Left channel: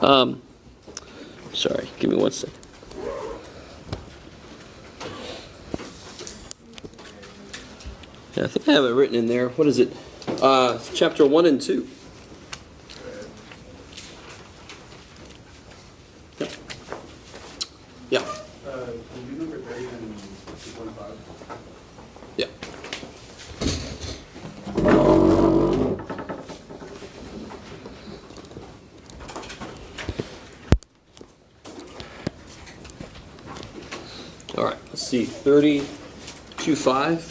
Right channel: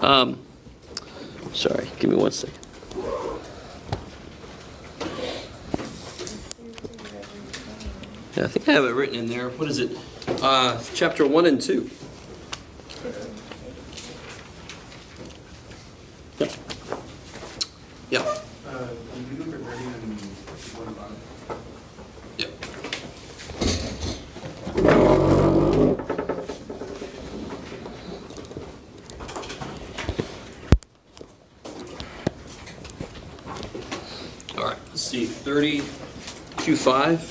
Sorry, give me one second. Yeah, I think I have it written in there. What is it? Chapter 1 and 2. Yeah. Yeah. Can you look at ready and one about it? Yeah. All right. Let's see. 32:5.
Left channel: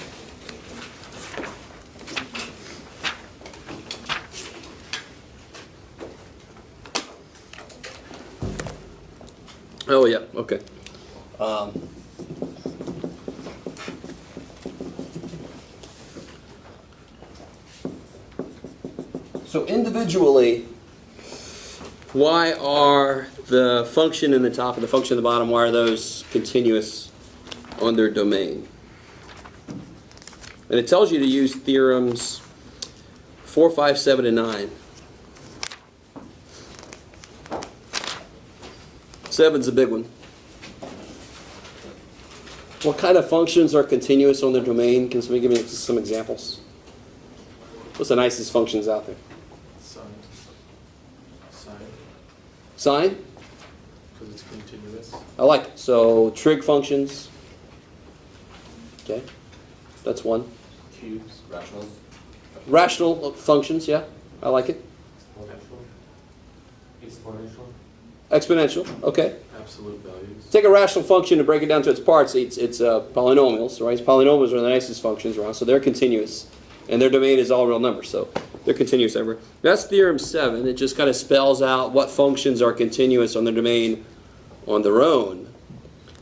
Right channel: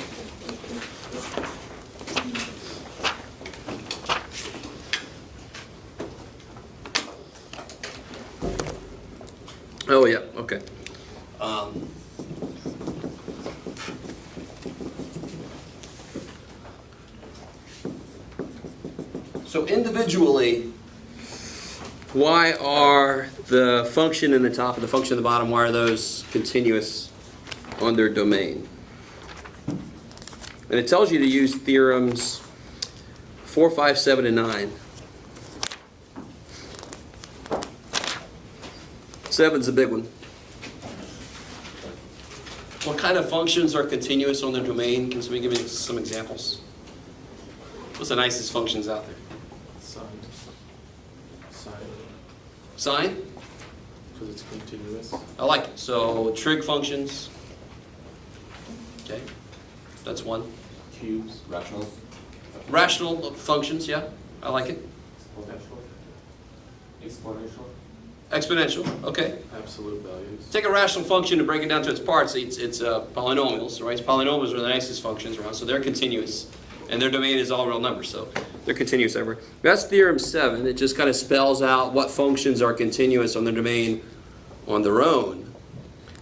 Oh yeah. Okay. So individually, why are the function in the top and the function in the bottom, why are those continuous on their domain? And it tells you to use theorems 4, 5, 7, and 9. 7's a big one. What kind of functions are continuous on their domain? Can somebody give me some examples? What's the nicest functions out there? Sine? Because it's continuous. I like it. So trig functions. Okay. That's one. Cubes. Rational. Rational functions, yeah. I like it. Exponential. Exponential, okay. Absolute values. Take a rational function and break it down to its parts. It's polynomials, right? Polynomials are the nicest functions around, so they're continuous. And their domain is all real numbers, so they're continuous everywhere. That's theorem 7. It just kind of spells out what functions are continuous on their domain on their own.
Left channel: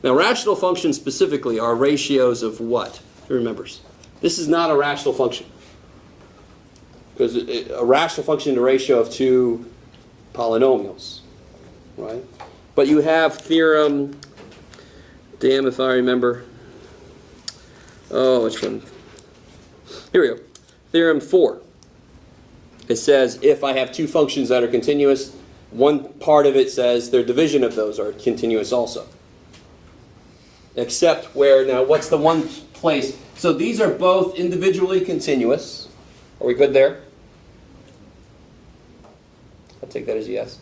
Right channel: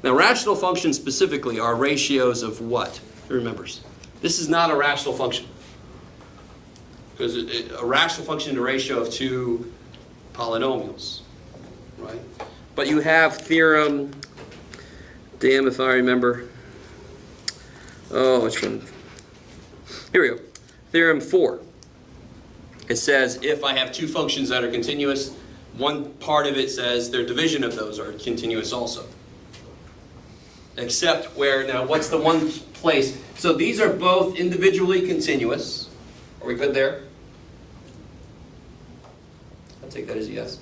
Now, rational functions specifically are ratios of what? Who remembers? This is not a rational function. Because a rational function is a ratio of two polynomials, right? But you have theorem, damn if I remember. Oh, which one? Here we go. Theorem 4. It says if I have two functions that are continuous, one part of it says their division of those are continuous also. Except where, now what's the one place? So these are both individually continuous. Are we good there? I'll take that as a yes.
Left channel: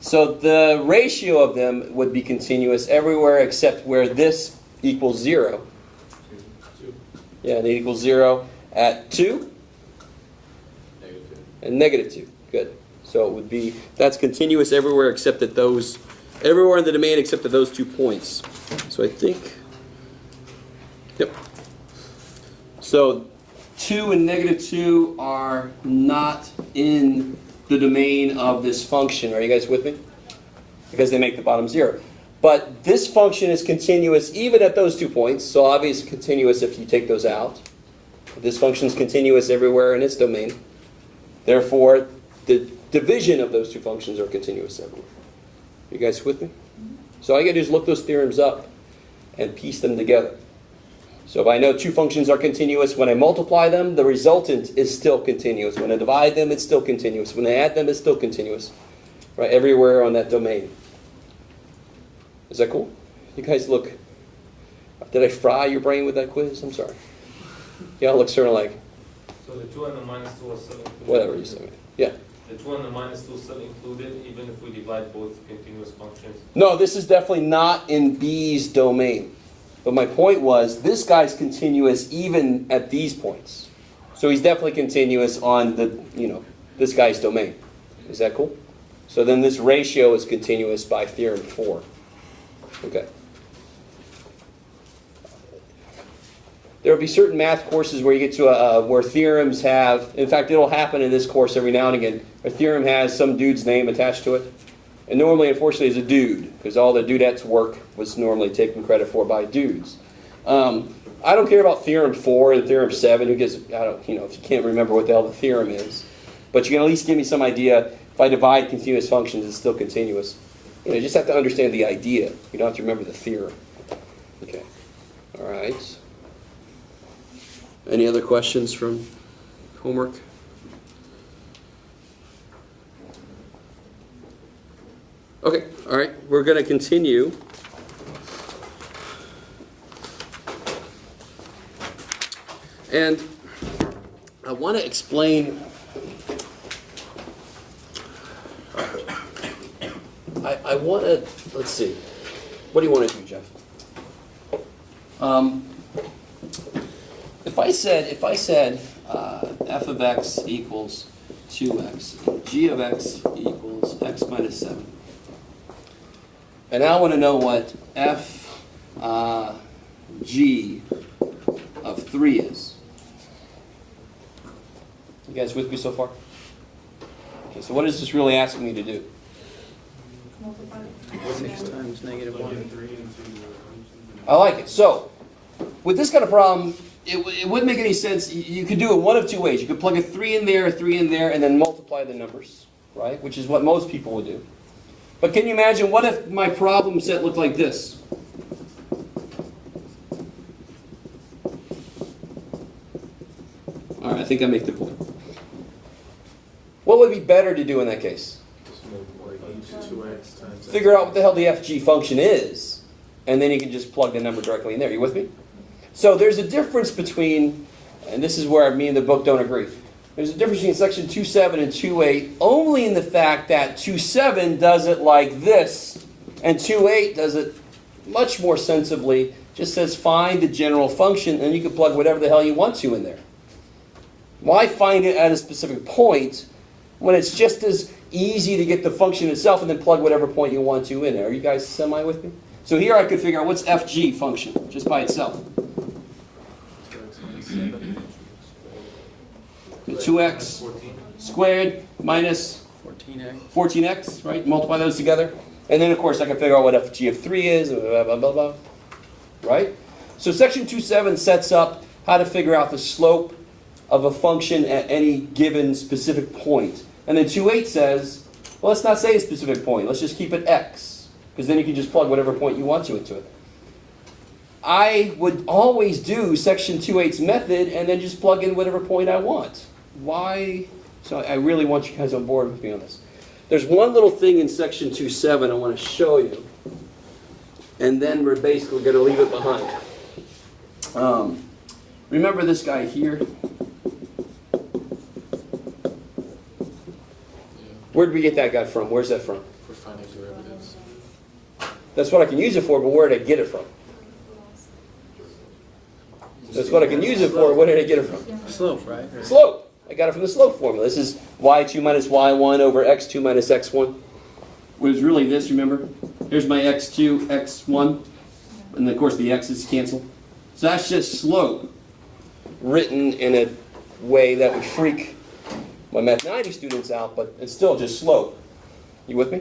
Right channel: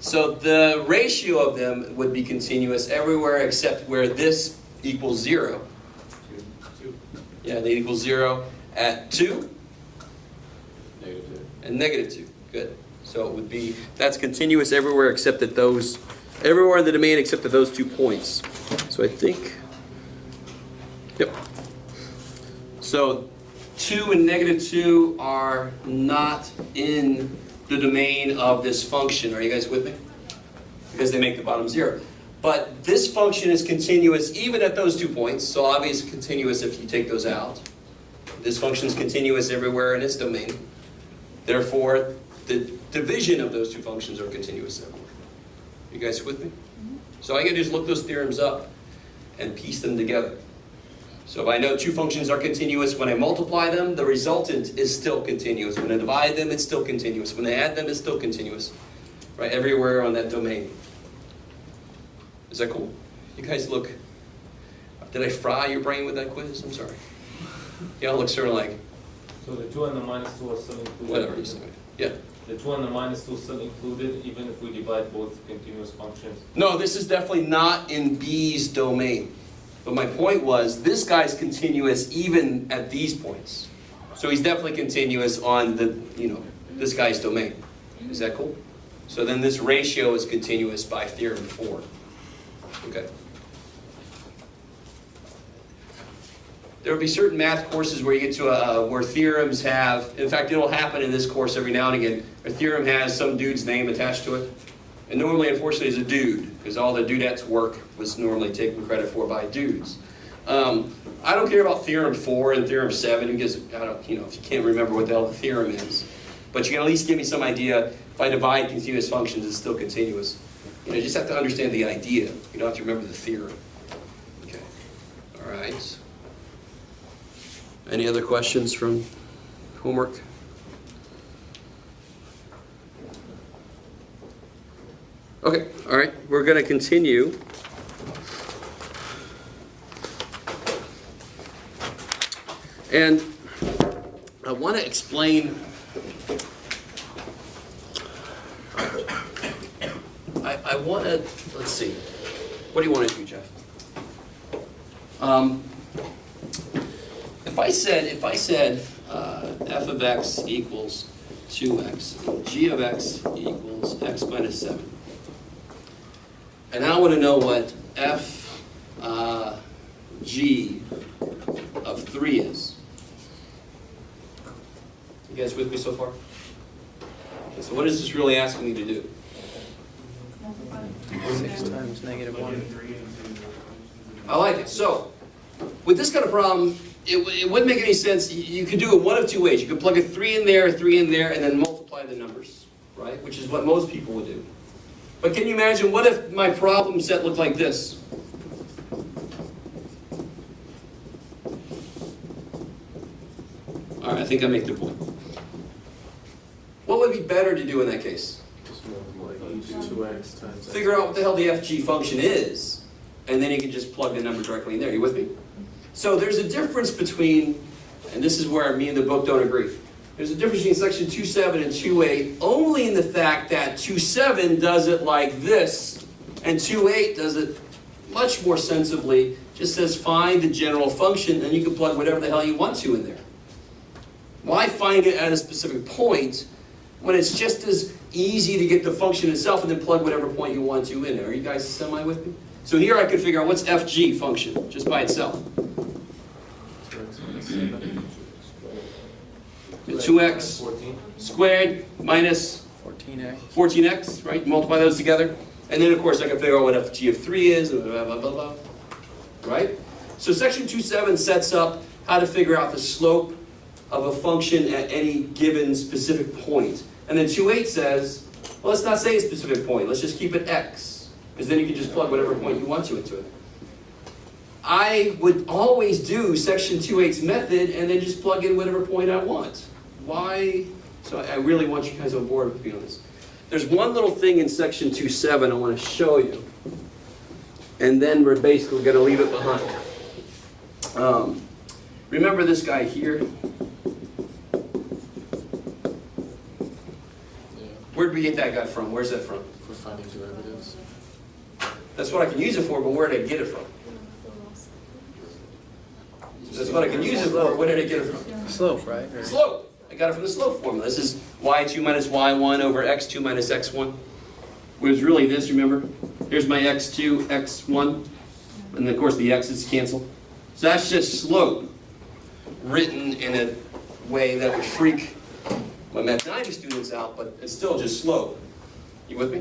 So the ratio of them would be continuous everywhere except where this equals 0. Yeah, they equal 0 at 2 and negative 2. Good. So it would be, that's continuous everywhere except at those, everywhere in the domain except at those 2 points. So I think, yep. So 2 and negative 2 are not in the domain of this function. Are you guys with me? Because they make the bottom 0. But this function is continuous even at those 2 points, so obviously continuous if you take those out. This function is continuous everywhere in its domain. Therefore, the division of those 2 functions are continuous everywhere. You guys with me? So all you got to do is look those theorems up and piece them together. So if I know 2 functions are continuous, when I multiply them, the resultant is still continuous. When I divide them, it's still continuous. When I add them, it's still continuous. Right? Everywhere on that domain. Is that cool? You guys look... Did I fry your brain with that quiz? I'm sorry. Y'all look sort of like... So the 2 and the minus 2 are still included? Whatever you say. Yeah. The 2 and the minus 2 are still included even if we divide both continuous functions? No, this is definitely not in B's domain. But my point was, this guy's continuous even at these points. So he's definitely continuous on the, this guy's domain. Is that cool? So then this ratio is continuous by theorem 4. Okay. There will be certain math courses where you get to where theorems have, in fact, it'll happen in this course every now and again. A theorem has some dude's name attached to it. And normally, unfortunately, it's a dude, because all the dudettes' work was normally taken credit for by dudes. I don't care about theorem 4 and theorem 7, because I don't, if you can't remember what the hell the theorem is. But you can at least give me some idea. If I divide continuous functions, it's still continuous. You just have to understand the idea. You don't have to remember the theorem. Okay. All right. Any other questions from homework? Okay, all right. We're going to continue. And I want to explain. I want to. Let's see. What do you want to do, Jeff? If I said f of x equals 2x, g of x equals x minus 7, and I want to know what f g of 3 is. You guys with me so far? Okay, so what is this really asking me to do? 6 times negative 1. I like it. So, with this kind of problem, it wouldn't make any sense. You could do it one of two ways. You could plug a 3 in there, and then multiply the numbers, right? Which is what most people would do. But can you imagine, what if my problem set looked like this? All right, I think I make the point. What would be better to do in that case? Just multiply each 2x times Figure out what the hell the FG function is, and then you can just plug the number directly in there. You with me? So there's a difference between, and this is where me and the book don't agree. There's a difference between section 2.7 and 2.8 only in the fact that 2.7 does it like this, and 2.8 does it much more sensibly. Just says find the general function, and you can plug whatever the hell you want to in there. Why find it at a specific point when it's just as easy to get the function itself and then plug whatever point you want to in there? Are you guys semi with me? So here I could figure out what's FG function just by itself. 2x squared minus 14x, right? Multiply those together. And then, of course, I can figure out what FG of 3 is, blah, blah, blah, blah. Right? So section 2.7 sets up how to figure out the slope of a function at any given specific point. And then 2.8 says, well, let's not say a specific point. Let's just keep it x. Because then you can just plug whatever point you want to into it. I would always do section 2.8's method and then just plug in whatever point I want. Why? So I really want you guys on board with me on this. There's one little thing in section 2.7 I want to show you. And then we're basically going to leave it behind. Remember this guy here? Where did we get that guy from? Where's that from? for finding derivatives. That's what I can use it for, but where did I get it from? That's what I can use it for. Where did I get it from? Slope, right? Slope. I got it from the slope formula. This is y2 minus y1 over x2 minus x1. Which is really this, remember? Here's my x2, x1. And of course the x's cancel. So that's just slope written in a way that would freak my Math 90 students out, but it's still just slope. You with me?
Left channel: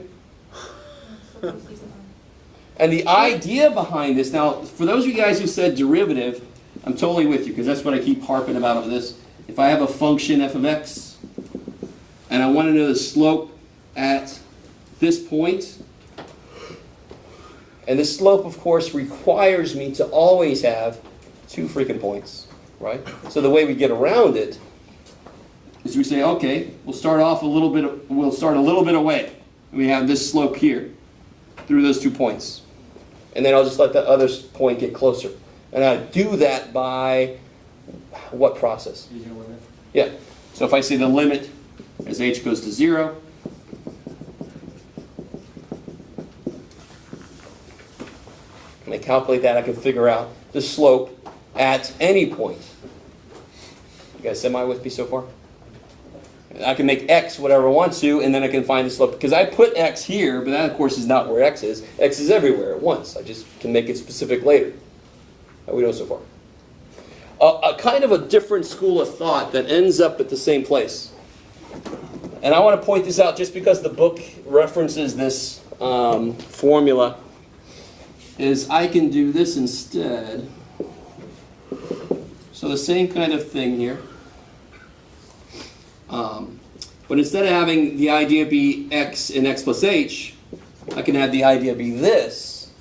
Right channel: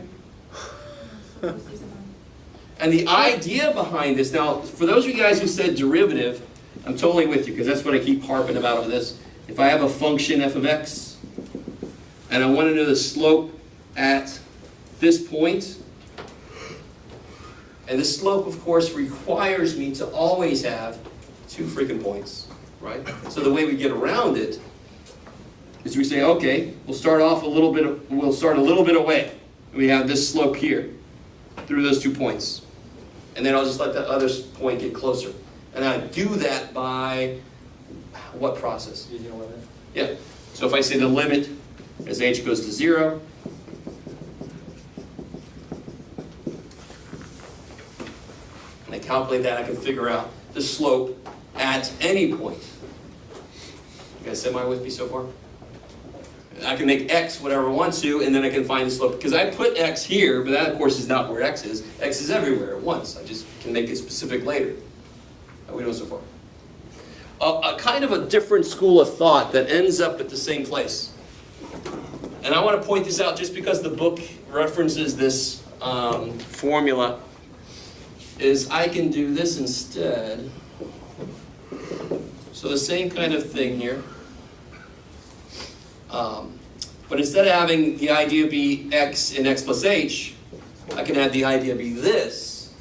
And the idea behind this, now, for those of you guys who said derivative, I'm totally with you, because that's what I keep harping about on this. If I have a function f of x, and I want to know the slope at this point, and the slope, of course, requires me to always have two freaking points, right? So the way we get around it is we say, okay, we'll start a little bit away. We have this slope here through those 2 points. And then I'll just let the other point get closer. And I do that by what process? Using a limit. Yeah. So if I say the limit as h goes to 0, and I calculate that, I can figure out the slope at any point. You guys semi with me so far? I can make x whatever I want to, and then I can find the slope. Because I put x here, but that, of course, is not where x is. X is everywhere at once. I just can make it specific later. How we know so far? A kind of a different school of thought that ends up at the same place. And I want to point this out just because the book references this formula, is I can do this instead. So the same kind of thing here. But instead of having the idea be x in x plus h, I can have the idea be this.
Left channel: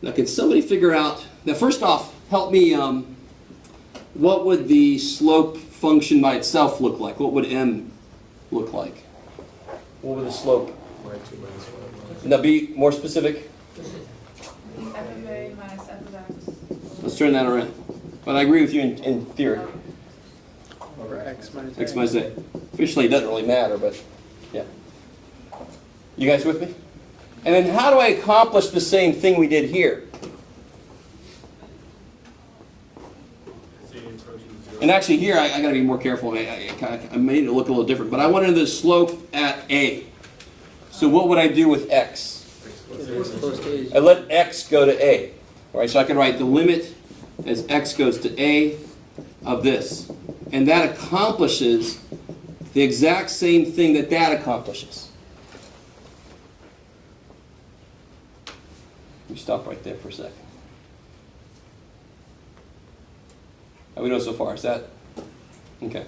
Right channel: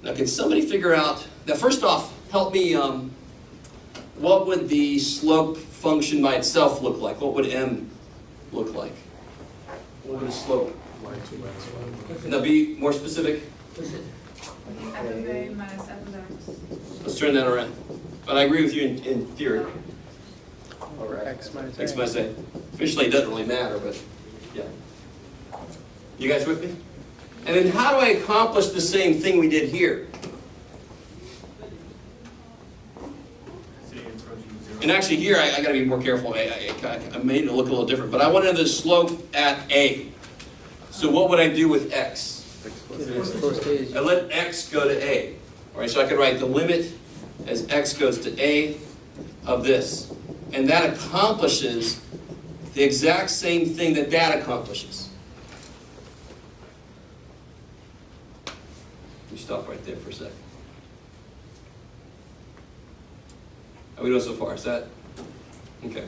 Now, can somebody figure out... Now, first off, help me... what would the slope function by itself look like? What would m look like? What would the slope Y2 minus Y1. Now be more specific. F of A minus F of X. Let's turn that around. But I agree with you in theory. Over X minus X A. minus A. Officially, it doesn't really matter, but yeah. You guys with me? And then how do I accomplish the same thing we did here? And actually here, I got to be more careful. I made it look a little different. But I wanted the slope at A. So what would I do with X? Get it as close to A as I let X go to A. All right, so I can write the limit as X goes to A of this. And that accomplishes the exact same thing that accomplishes. You stop right there for a sec. How we doing so far? Is that okay?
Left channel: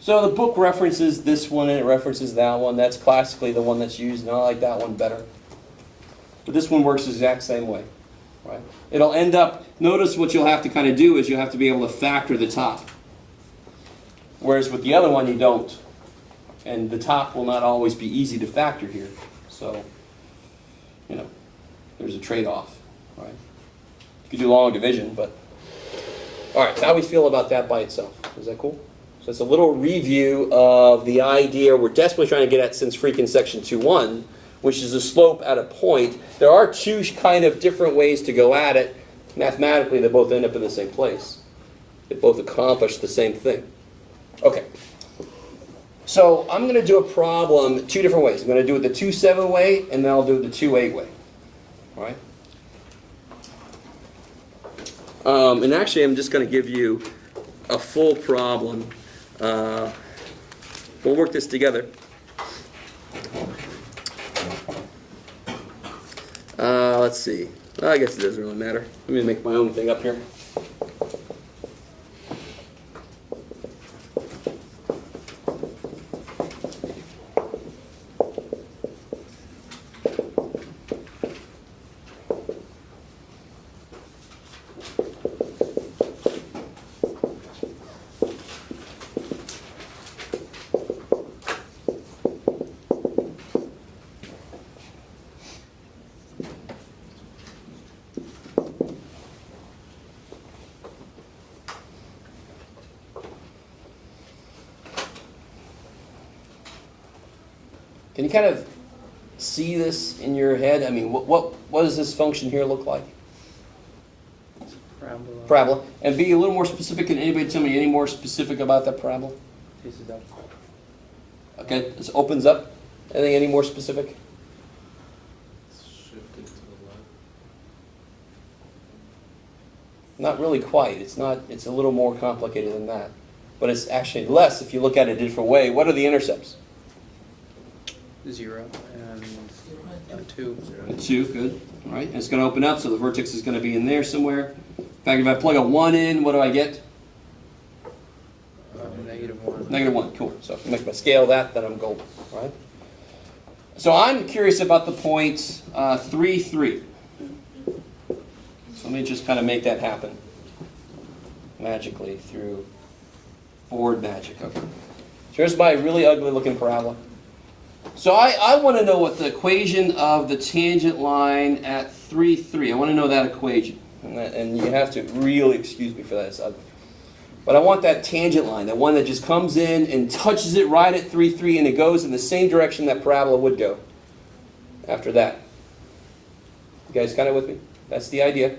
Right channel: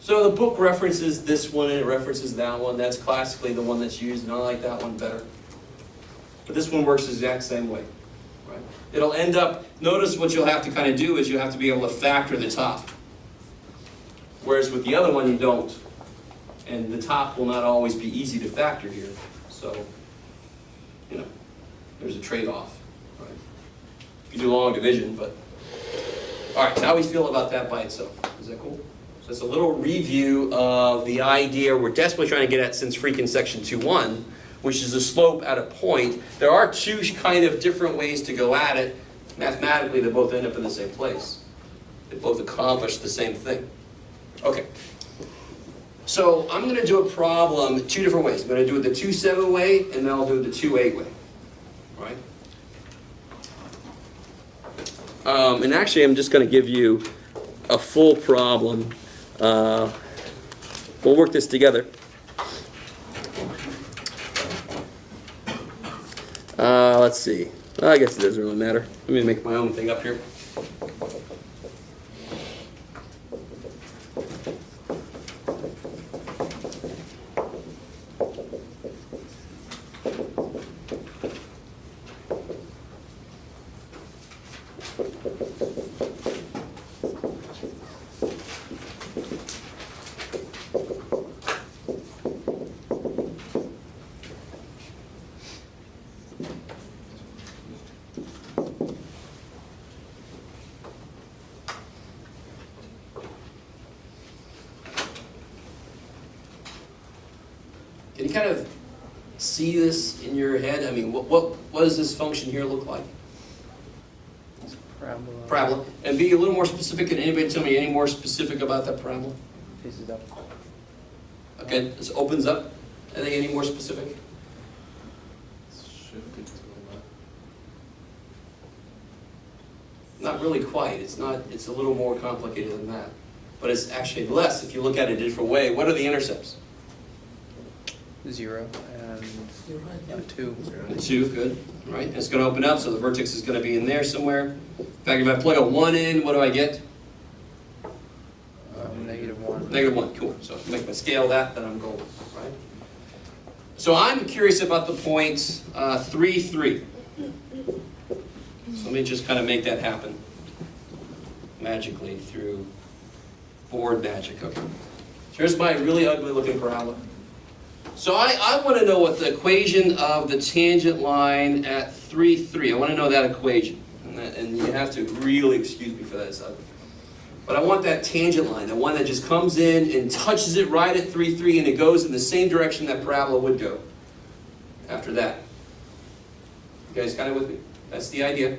So the book references this one and it references that one. That's classically the one that's used, and I like that one better. But this one works the exact same way. Right? It'll end up, notice what you'll have to kind of do is you have to be able to factor the top. Whereas with the other one you don't. And the top will not always be easy to factor here. So, you know, there's a trade-off. Right? You do long division, but... Alright, so how do we feel about that by itself? Is that cool? So it's a little review of the idea we're desperately trying to get at since freaking section 2.1, which is the slope at a point. There are two kind of different ways to go at it. Mathematically, they both end up in the same place. They both accomplish the same thing. Okay. So I'm going to do a problem two different ways. I'm going to do it the 2.7 way, and then I'll do it the 2.8 way. All right? And actually, I'm just going to give you a full problem. We'll work this together. Let's see. I guess it doesn't really matter. Let me make my own thing up here. Can you kind of see this in your head? I mean, what does this function here look like? Parabola. Parabola. And be a little more specific. Can anybody tell me any more specific about that parabola? Pieces up. Okay, this opens up. Anything any more specific? It's shifted to the left. Not really quite. It's not. It's a little more complicated than that. But it's actually less if you look at it a different way. What are the intercepts? 0 and 2. 2, good. All right, it's going to open up, so the vertex is going to be in there somewhere. In fact, if I plug a 1 in, what do I get? -1. -1, cool. So if I make my scale that, then I'm golden. All right? So I'm curious about the point 3, 3. So let me just kind of make that happen magically through board magic. Okay. So here's my really ugly looking parabola. So I want to know what the equation of the tangent line at 3, 3. I want to know that equation. And you have to really excuse me for that. It's ugly. But I want that tangent line, the one that just comes in and touches it right at 3, 3, and it goes in the same direction that parabola would go after that. You guys kind of with me? That's the idea.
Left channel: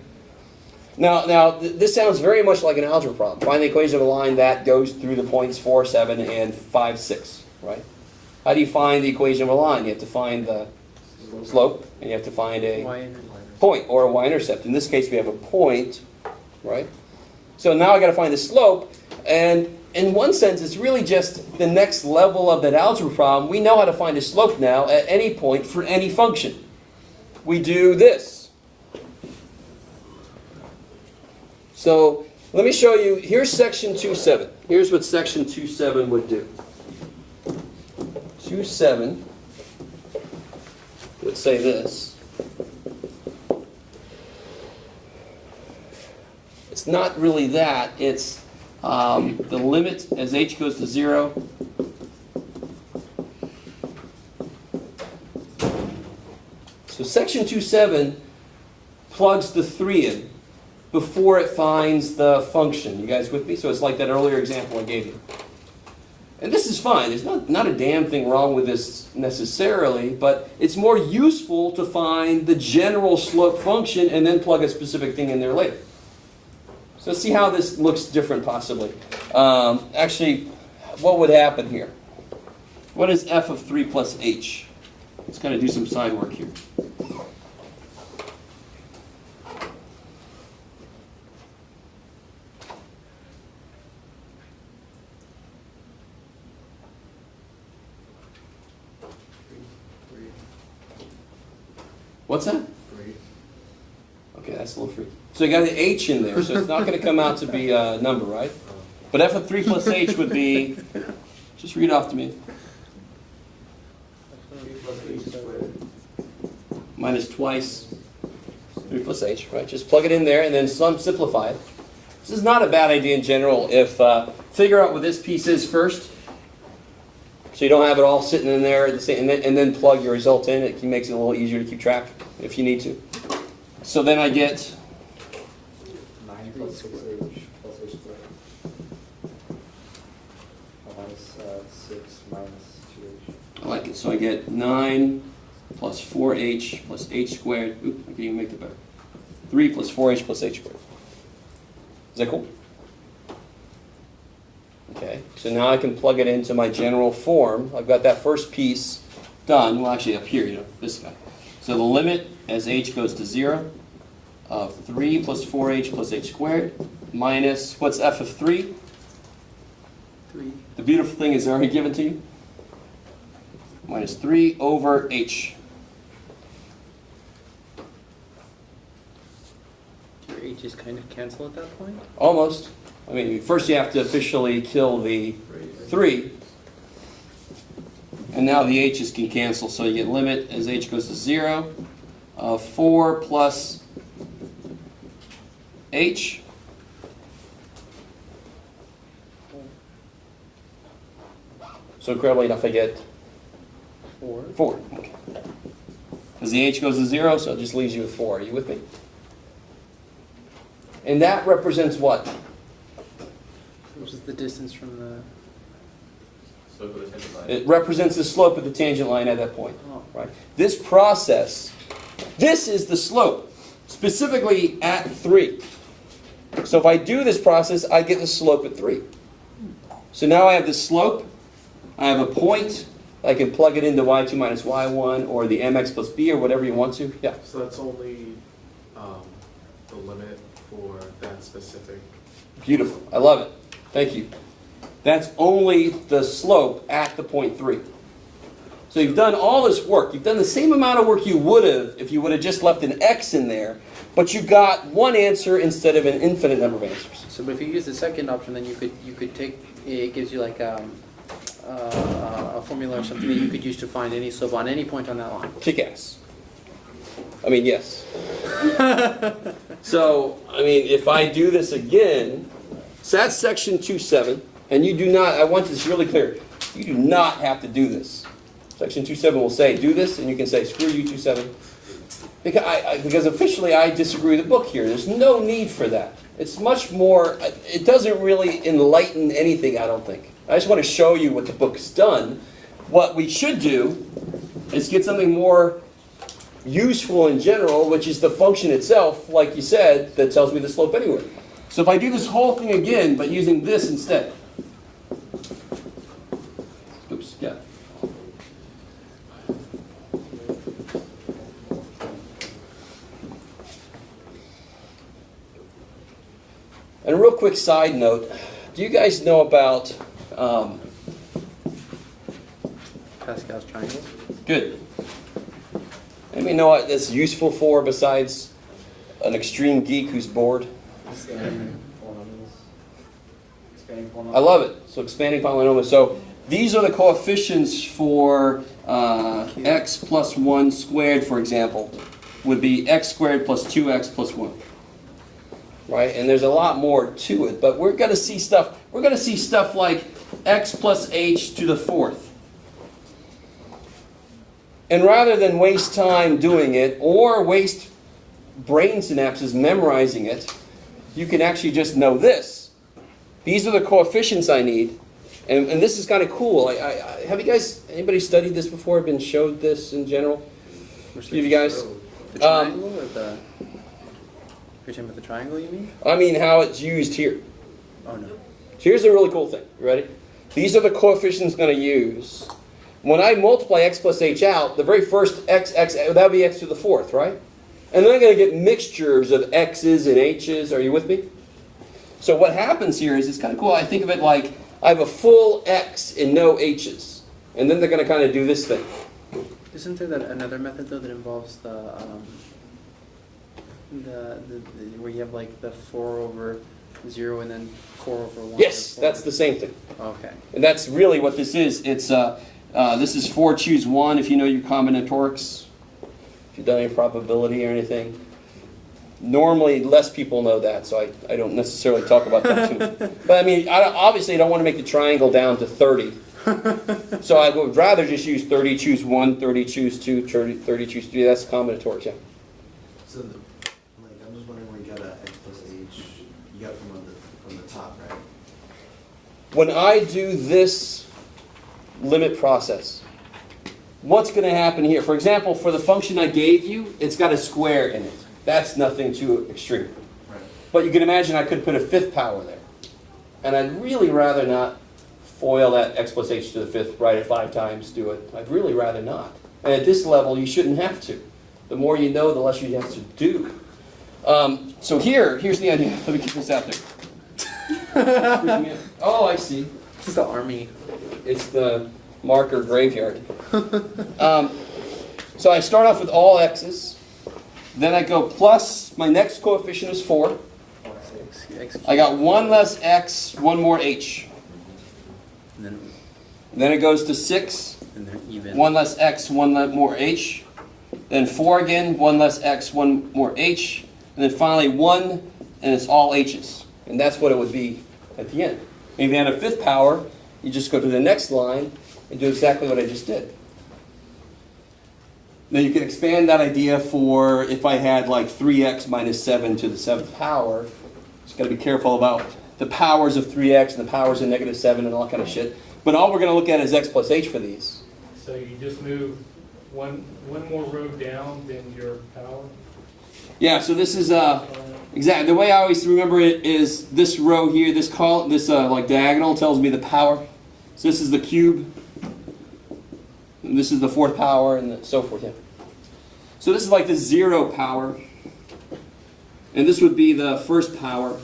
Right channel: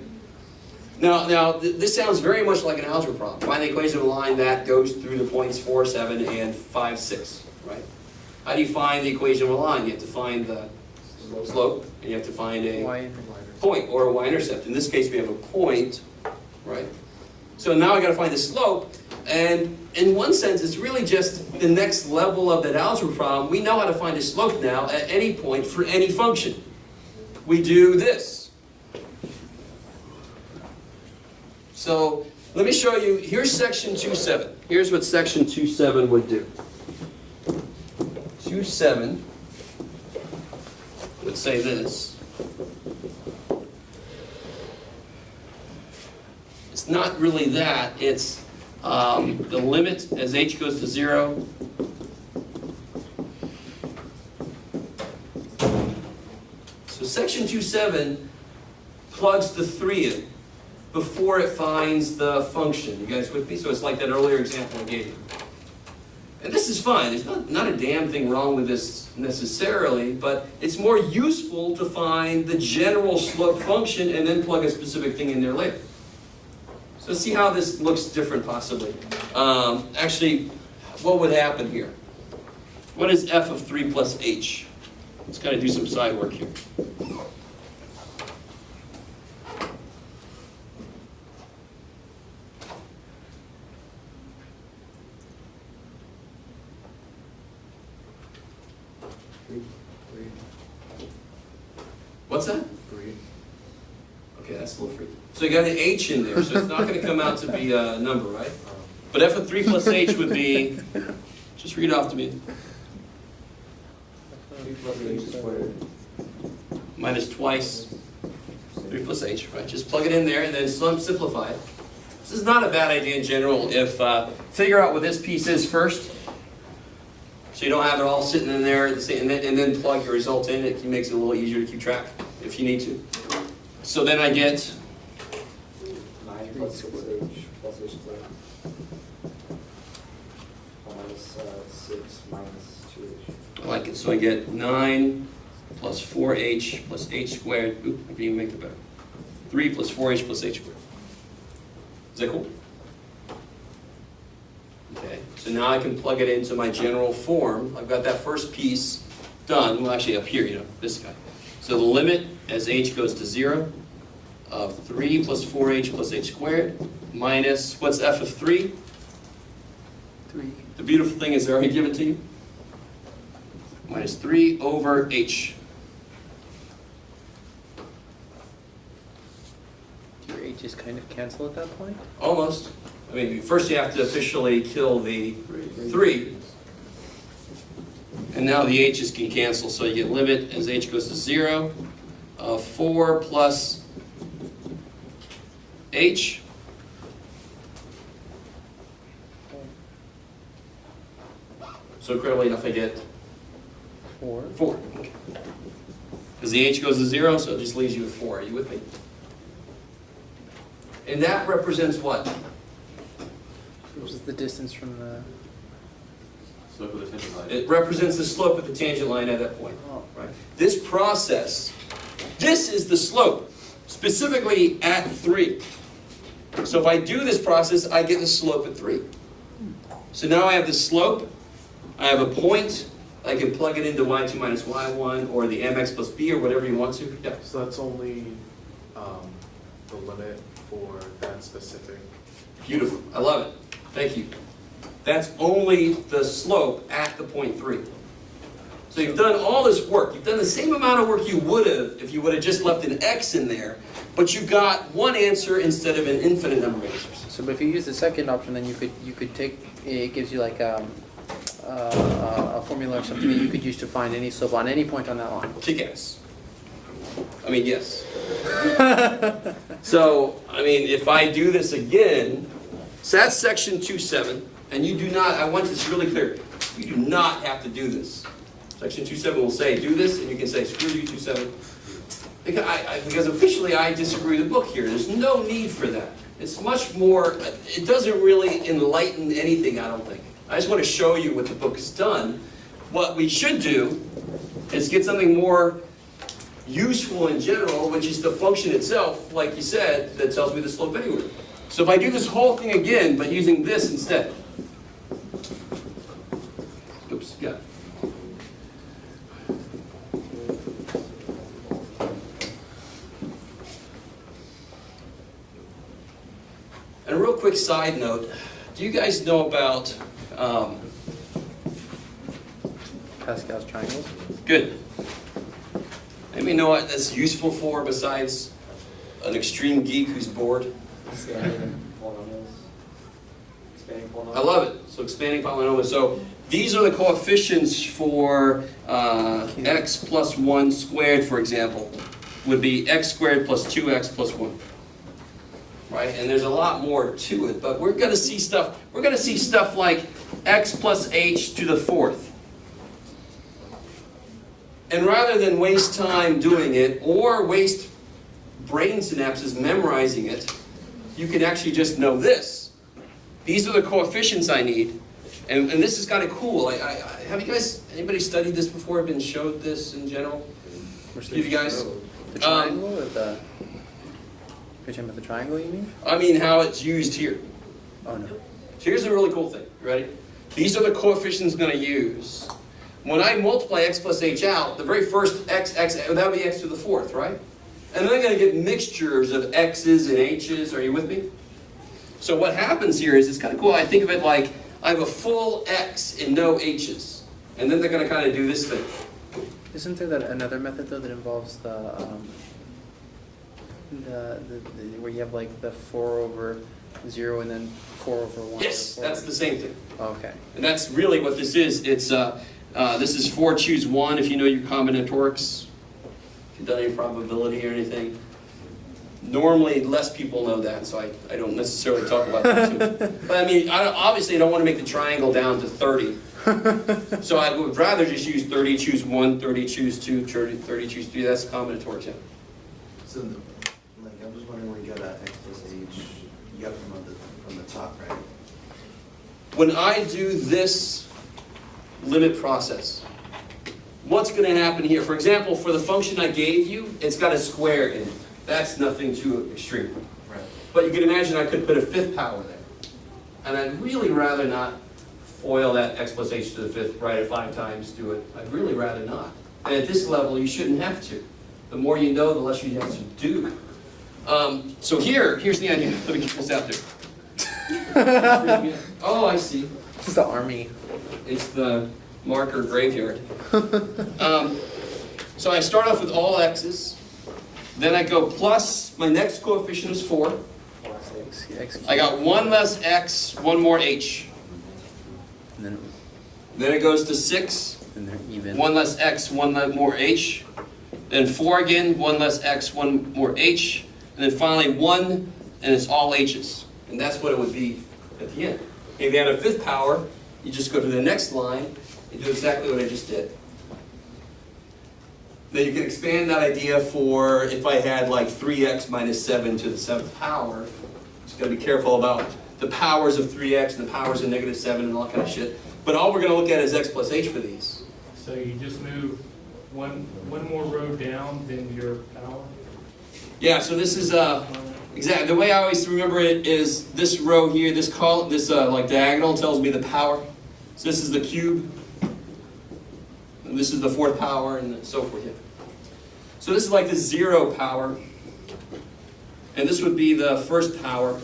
Now, this sounds very much like an algebra problem. Find the equation of a line that goes through the points 4, 7, and 5, 6, right? How do you find the equation of a line? You have to find the slope, and you have to find a point, or a y-intercept. In this case, we have a point, right? So now I got to find the slope, and in one sense, it's really just the next level of that algebra problem. We know how to find a slope now at any point for any function. We do this. So let me show you. Here's section 2.7. Here's what section 2.7 would do. 2.7 would say this. It's not really that. It's the limit as h goes to 0 So section 2.7 plugs the 3 in before it finds the function. You guys with me? So it's like that earlier example I gave you. And this is fine. There's not a damn thing wrong with this necessarily, but it's more useful to find the general slope function and then plug a specific thing in there later. So let's see how this looks different possibly. Actually, what would happen here? What is f of 3 plus h? Let's kind of do some side work here. Three. What's that? 3. Okay, that's a little freaky. So you got the h in there, so it's not going to come out to be a number, right? But f of 3 plus h would be, just read off to me, minus twice 3 plus h, right? Just plug it in there and then simplify it. This is not a bad idea in general if, figure out what this piece is first, so you don't have it all sitting in there and then plug your result in. It makes it a little easier to keep track if you need to. So then I get 9 plus 6h plus h squared. Minus 6 minus 2h. I like it. So I get 9 plus 4h plus h squared. Oop, I can even make it better. 3 plus 4h plus h squared. Is that cool? Okay. So now I can plug it into my general form. I've got that first piece done. Well, actually up here, this guy. So the limit as h goes to 0 of 3 plus 4h plus h squared minus, what's f of 3? 3. The beautiful thing is already given to you. Minus 3 over h. Your h's kind of cancel at that point? Almost. I mean, first you have to officially kill the 3. And now the h's can cancel, so you get limit as h goes to 0 of 4 plus h. So incredibly enough, I get 4. 4. Because the h goes to 0, so it just leaves you with 4. Are you with me? And that represents what? Which is the distance from the... Slope of the tangent line. It represents the slope of the tangent line at that point. Oh. Right? This process, this is the slope, specifically at 3. So if I do this process, I get the slope at 3. So now I have the slope, I have a point, I can plug it into y2 minus y1 or the mx plus b or whatever you want to. Yeah. So that's only the limit for that specific. Beautiful. I love it. Thank you. That's only the slope at the point 3. So you've done all this work. You've done the same amount of work you would have if you would have just left an x in there, but you got one answer instead of an infinite number of answers. So if you use the second option, then you could take, it gives you like a formula or something that you could use to find any slope on any point on that line. Kick ass. I mean, yes. So, I mean, if I do this again, so that's section 2.7, and you do not, I want this really clear, you do not have to do this. Section 2.7 will say, do this, and you can say, screw you, 2.7. Because officially I disagree with the book here. There's no need for that. It's much more, it doesn't really enlighten anything, I don't think. I just want to show you what the book has done. What we should do is get something more useful in general, which is the function itself, like you said, that tells me the slope anyway. So if I do this whole thing again, but using this instead. Oops, yeah. And a real quick side note, do you guys know about Pascal's triangle. good. Anybody know what that's useful for besides an extreme geek who's bored? Expanding polynomials. Expanding polynomials. I love it. So expanding polynomials. So these are the coefficients for x plus 1 squared, for example, would be x squared plus 2x plus 1. Right? And there's a lot more to it, but we're going to see stuff like x plus h to the 4th. And rather than waste time doing it or waste brain synapses memorizing it, you can actually just know this. These are the coefficients I need. And this is kind of cool. Have you guys, anybody studied this before, been showed this in general? You guys? The triangle or the... You're talking about the triangle, you mean? I mean how it's used here. Oh, no. So here's the really cool thing. You ready? These are the coefficients I'm going to use. When I multiply x plus h out, the very first x, that would be x to the fourth, right? And then I'm going to get mixtures of x's and h's. Are you with me? So what happens here is, it's kind of cool. I think of it like I have a full x and no h's. And then they're going to kind of do this thing. Isn't there another method, though, that involves the where you have like the 4 over 0 and then 4 over 1? Yes, that's the same thing. Okay. And that's really what this is. It's this is 4 choose 1 if you know your combinatorics. If you've done any probability or anything. Normally, less people know that, so I don't necessarily talk about that too. But I mean, obviously I don't want to make the triangle down to 30. So I would rather just use 30 choose 1, 30 choose 2, 30 choose 3. That's combinatorics, yeah. So, like, I'm just wondering where you got x plus h. You got from the top, right? When I do this limit process, what's going to happen here? For example, for the function I gave you, it's got a square in it. That's nothing too extreme. Right. But you can imagine I could put a fifth power there. And I'd really rather not FOIL that x plus h to the fifth, write it 5 times, do it. I'd really rather not. And at this level, you shouldn't have to. The more you know, the less you have to do. So here's the idea. Let me get this out there. Oh, I see. It's the army. It's the marker graveyard. So I start off with all x's. Then I go plus, my next coefficient is 4. I got 1 less x, 1 more h. And Then it goes to 6. then they're even. 1 less x, 1 more h. Then 4 again, 1 less x, 1 more h. And then finally 1, and it's all h's. And that's what it would be at the end. And if you had a fifth power, you just go to the next line and do exactly what I just did. Now you can expand that idea for if I had like 3x minus 7 to the 7th power. Just got to be careful about the powers of 3x and the powers of negative 7 and all that kind of shit. But all we're going to look at is x plus h for these. So you just move one more row down than your power? Yeah, so this is exactly the way I always remember it is this row here, this like diagonal tells me the power. So this is the cube, and this is the 4th power, and so forth. Yeah. So this is like the 0 power, and this would be the 1st power.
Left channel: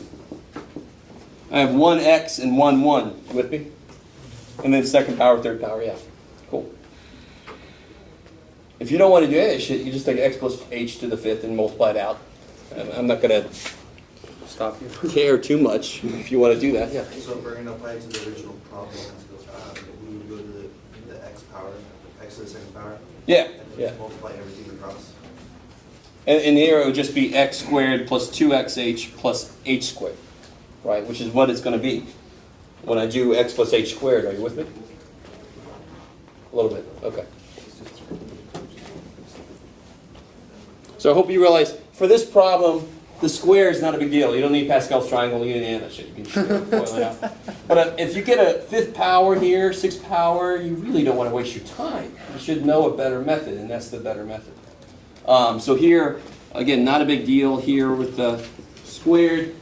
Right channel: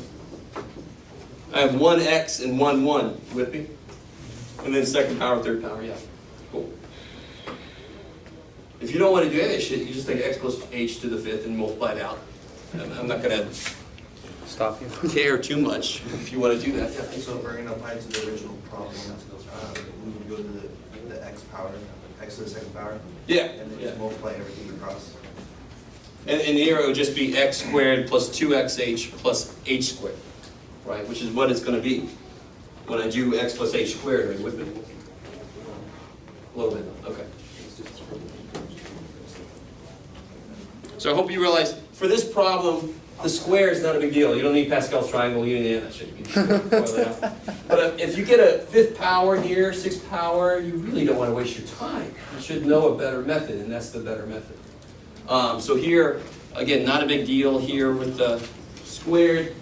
I have 1x and 1, 1. You with me? And then 2nd power, 3rd power. Yeah, cool. If you don't want to do any of that shit, you just take x plus h to the 5th and multiply it out. I'm not going to Stop you. care too much if you want to do that. Yeah. So if we're going to apply to the original problem, we would go to the x power, x to the 2nd power, Yeah. and then Yeah. just multiply everything across. And here it would just be x squared plus 2xh plus h squared, right? Which is what it's going to be when I do x plus h squared. Are you with me? A little bit. Okay. So I hope you realize, for this problem, the square is not a big deal. You don't need Pascal's triangle, you don't need that shit. You can boil it out. But if you get a 5th power here, 6th power, you really don't want to waste your time. You should know a better method, and that's the better method. So here, again, not a big deal here with the squared.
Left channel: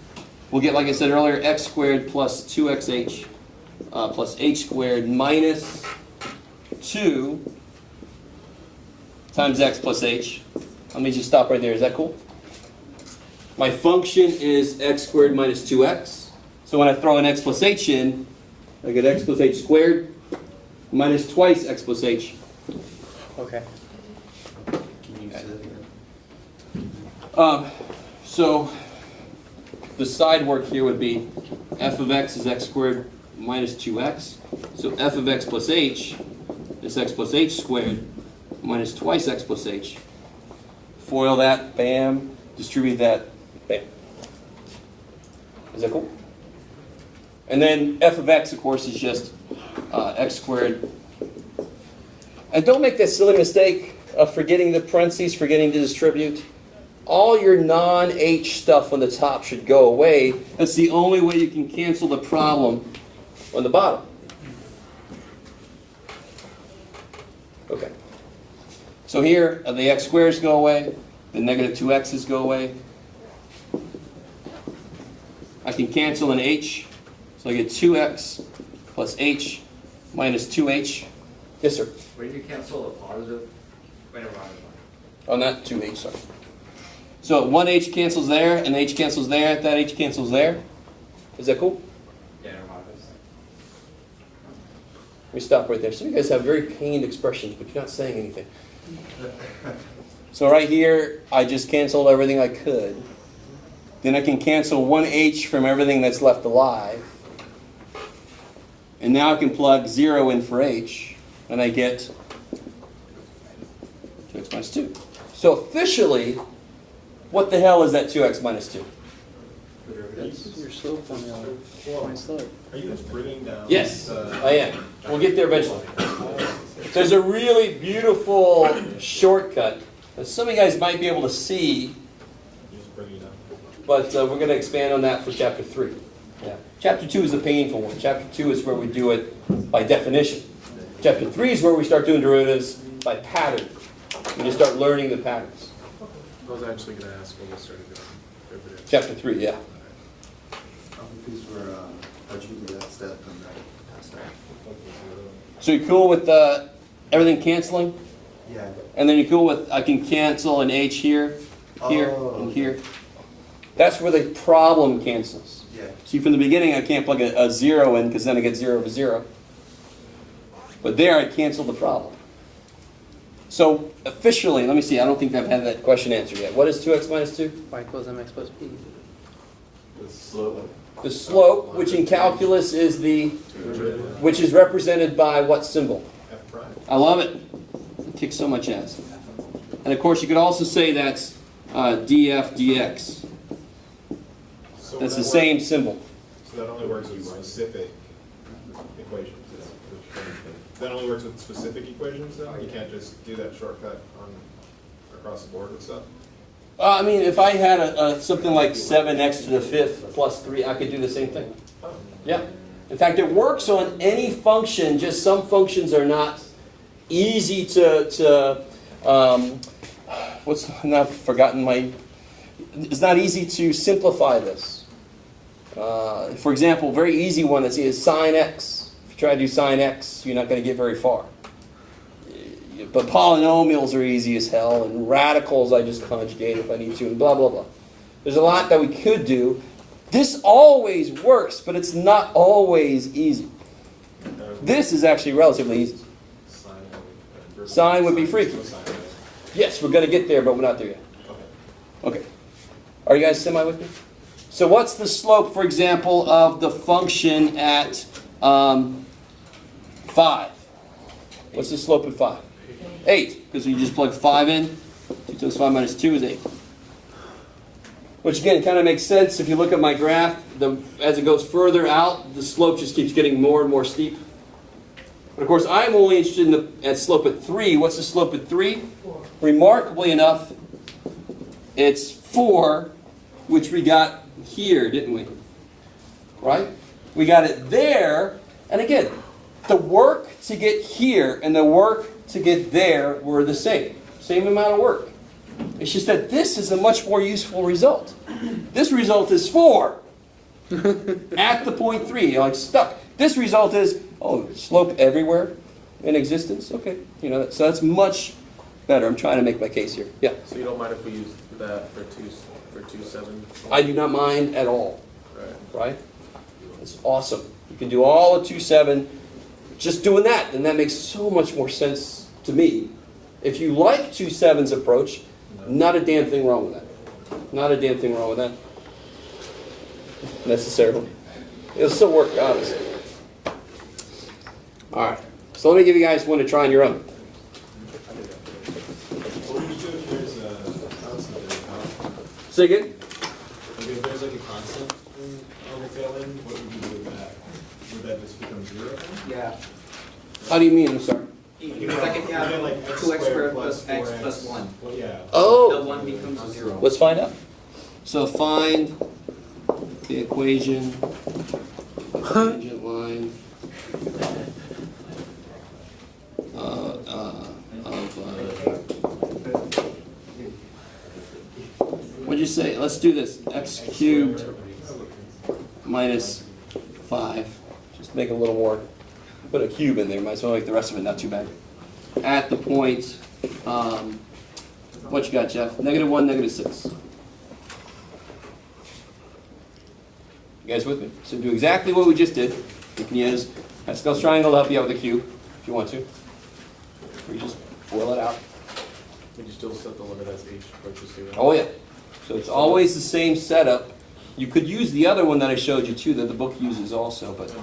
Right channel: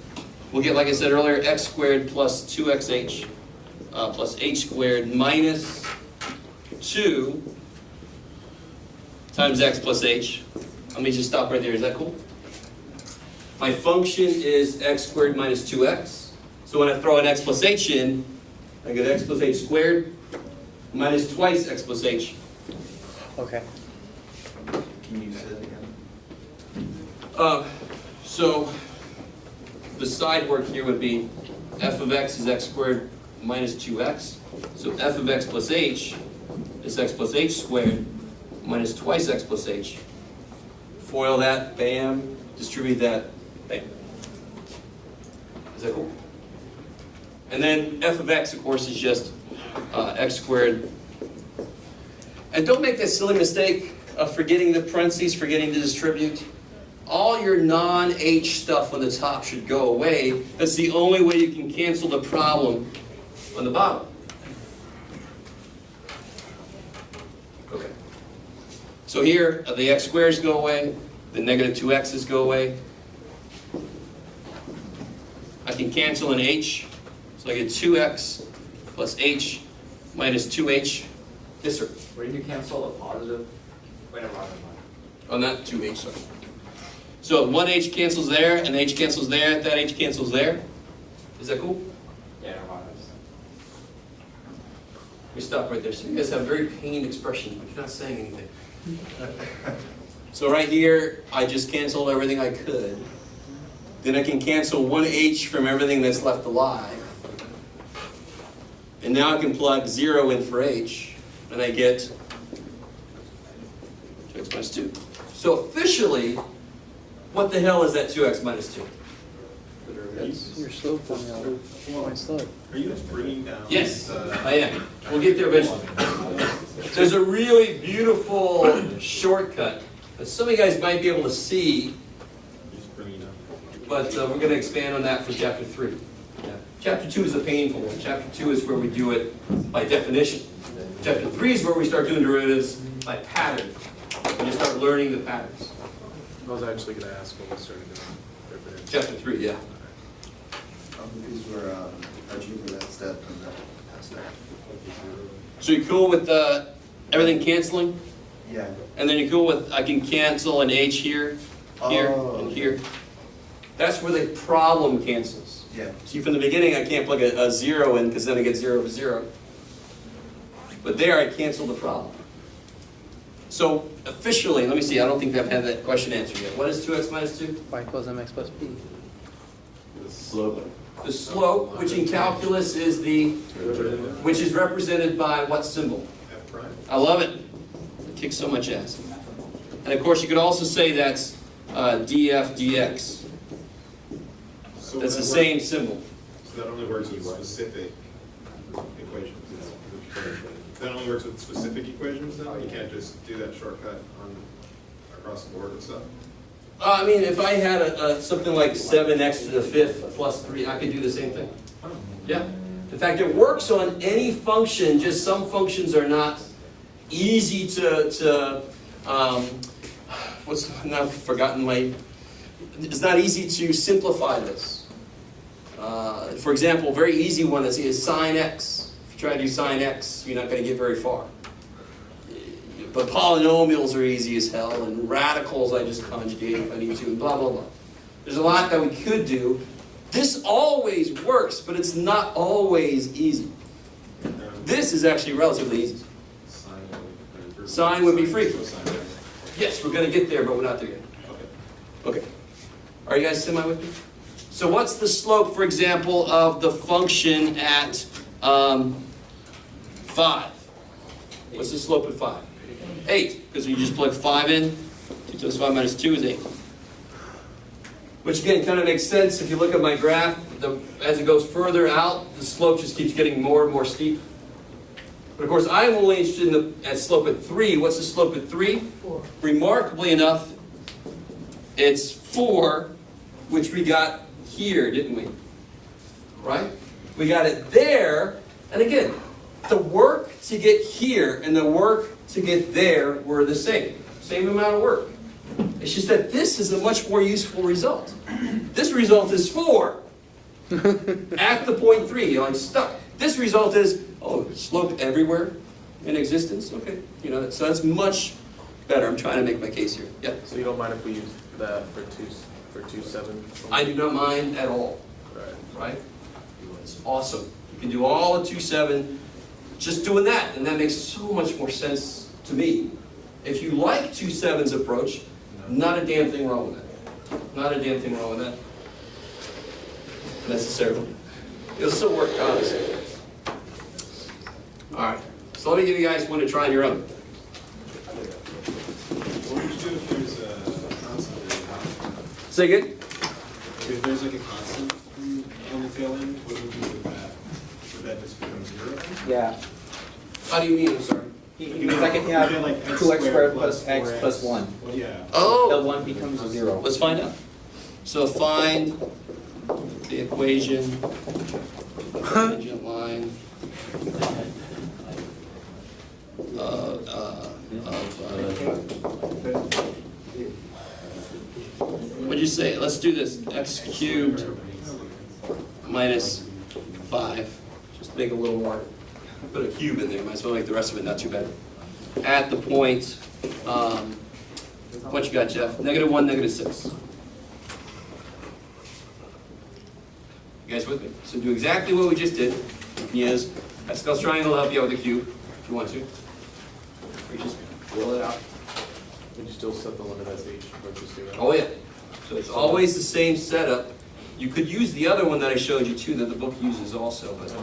We'll get, like I said earlier, x squared plus 2xh plus h squared minus 2 times x plus h. Let me just stop right there. Is that cool? My function is x squared minus 2x. So when I throw an x plus h in, I get x plus h squared minus twice x plus h. Okay. Can you use it again? So the side work here would be f of x is x squared minus 2x. So f of x plus h is x plus h squared minus twice x plus h. Foil that, bam. Distribute that, bam. Is that cool? And then f of x, of course, is just x squared And don't make that silly mistake of forgetting the parentheses, forgetting to distribute. All your non-H stuff on the top should go away. That's the only way you can cancel the problem on the bottom. Okay. So here, the x squares go away, the negative 2x's go away. I can cancel an h, so I get 2x plus h minus 2h. Yes, sir. Where you can cancel a positive, wait, never mind. Oh, not 2h, sorry. So 1h cancels there, and h cancels there, that h cancels there. Is that cool? Yeah, never mind. Let me stop right there. So you guys have very pained expressions, but you're not saying anything. So right here, I just canceled everything I could. Then I can cancel 1h from everything that's left alive. And now I can plug 0 in for h, and I get 2x minus 2. So officially, what the hell is that 2x minus 2? That's your slope formula. My slope. Are you bringing down? Yes, I am. We'll get there eventually. There's a really beautiful shortcut that some of you guys might be able to see, but we're going to expand on that for chapter 3. Yeah. Chapter 2 is the painful one. Chapter 2 is where we do it by definition. Chapter 3 is where we start doing derivatives by pattern. When you start learning the patterns. I was actually going to ask when we started doing derivatives. Chapter 3, yeah. Because we're achieving that step and that step. So you're cool with everything canceling? Yeah. And then you're cool with, I can cancel an H here, here, and here. That's where the problem cancels. Yeah. See, from the beginning, I can't plug a 0 in because then I get 0 over 0. But there, I cancel the problem. So officially, let me see, I don't think I've had that question answered yet. What is 2x minus 2? Y equals mx plus b. The slope. The slope, which in calculus is which is represented by what symbol? F prime. I love it. It kicks so much ass. And of course, you could also say that's df dx. So That's the that same symbol. So that only works with specific equations. That only works with specific equations then? You can't just do that shortcut across the board and stuff? I mean, if I had something like 7x to the 5th plus 3, I could do the same thing. Yeah. In fact, it works on any function, just some functions are not easy I've forgotten it's not easy to simplify this. For example, very easy one is sine x. If you try to do sine x, you're not going to get very far. But polynomials are easy as hell, and radicals I just conjugate if I need to, and blah, blah, blah. There's a lot that we could do. This always works, but it's not always easy. This is actually relatively easy. Sine would be freaky. Yes, we're going to get there, but we're not there yet. Okay. Are you guys semi with me? So what's the slope, for example, of the function at 5? What's the slope at 5? 8, because we just plug 5 in. 2 times 5 minus 2 is 8. Which again kind of makes sense if you look at my graph. As it goes further out, the slope just keeps getting more and more steep. But of course, I'm only interested in at slope at 3. What's the slope at 3? 4. Remarkably enough, it's 4, which we got here, didn't we? Right? We got it there, and again, the work to get here and the work to get there were the same. Same amount of work. It's just that this is a much more useful result. This result is 4 at the point 3. You're like stuck. This result is, slope everywhere in existence? Okay. So that's much better. I'm trying to make my case here. Yeah. So you don't mind if we use that for 2.7? I do not mind at all. Right. Right? It's awesome. You can do all of 2.7 just doing that, and that makes so much more sense to me. If you like 2.7's approach, not a damn thing wrong with that. Not a damn thing wrong with that. Necessarily. It'll still work, obviously. Alright. So let me give you guys one to try on your own. What would you do if there's a constant? Say again? If there's like a constant on the tail end, what would you do with that? Would that just become 0? Yeah. How do you mean? I'm sorry. Because I can Yeah, then like x 2x squared plus plus x 4x. plus 1. Yeah. The Oh, 1 becomes a 0. let's find out. So find the equation, tangent line what'd you say? Let's do this. X cubed minus 5. Just make it a little more. Put a cube in there. Might as well make the rest of it not too bad. At the point, what you got, Jeff? -1, -6. You guys with me? So do exactly what we just did. You can use Pascal's triangle to help you out with the cube if you want to. Or you just fill it out. Would you still set the limit as h approaches 0? Oh yeah. So it's always the same setup. You could use the other one that I showed you too, that the book uses also, but No.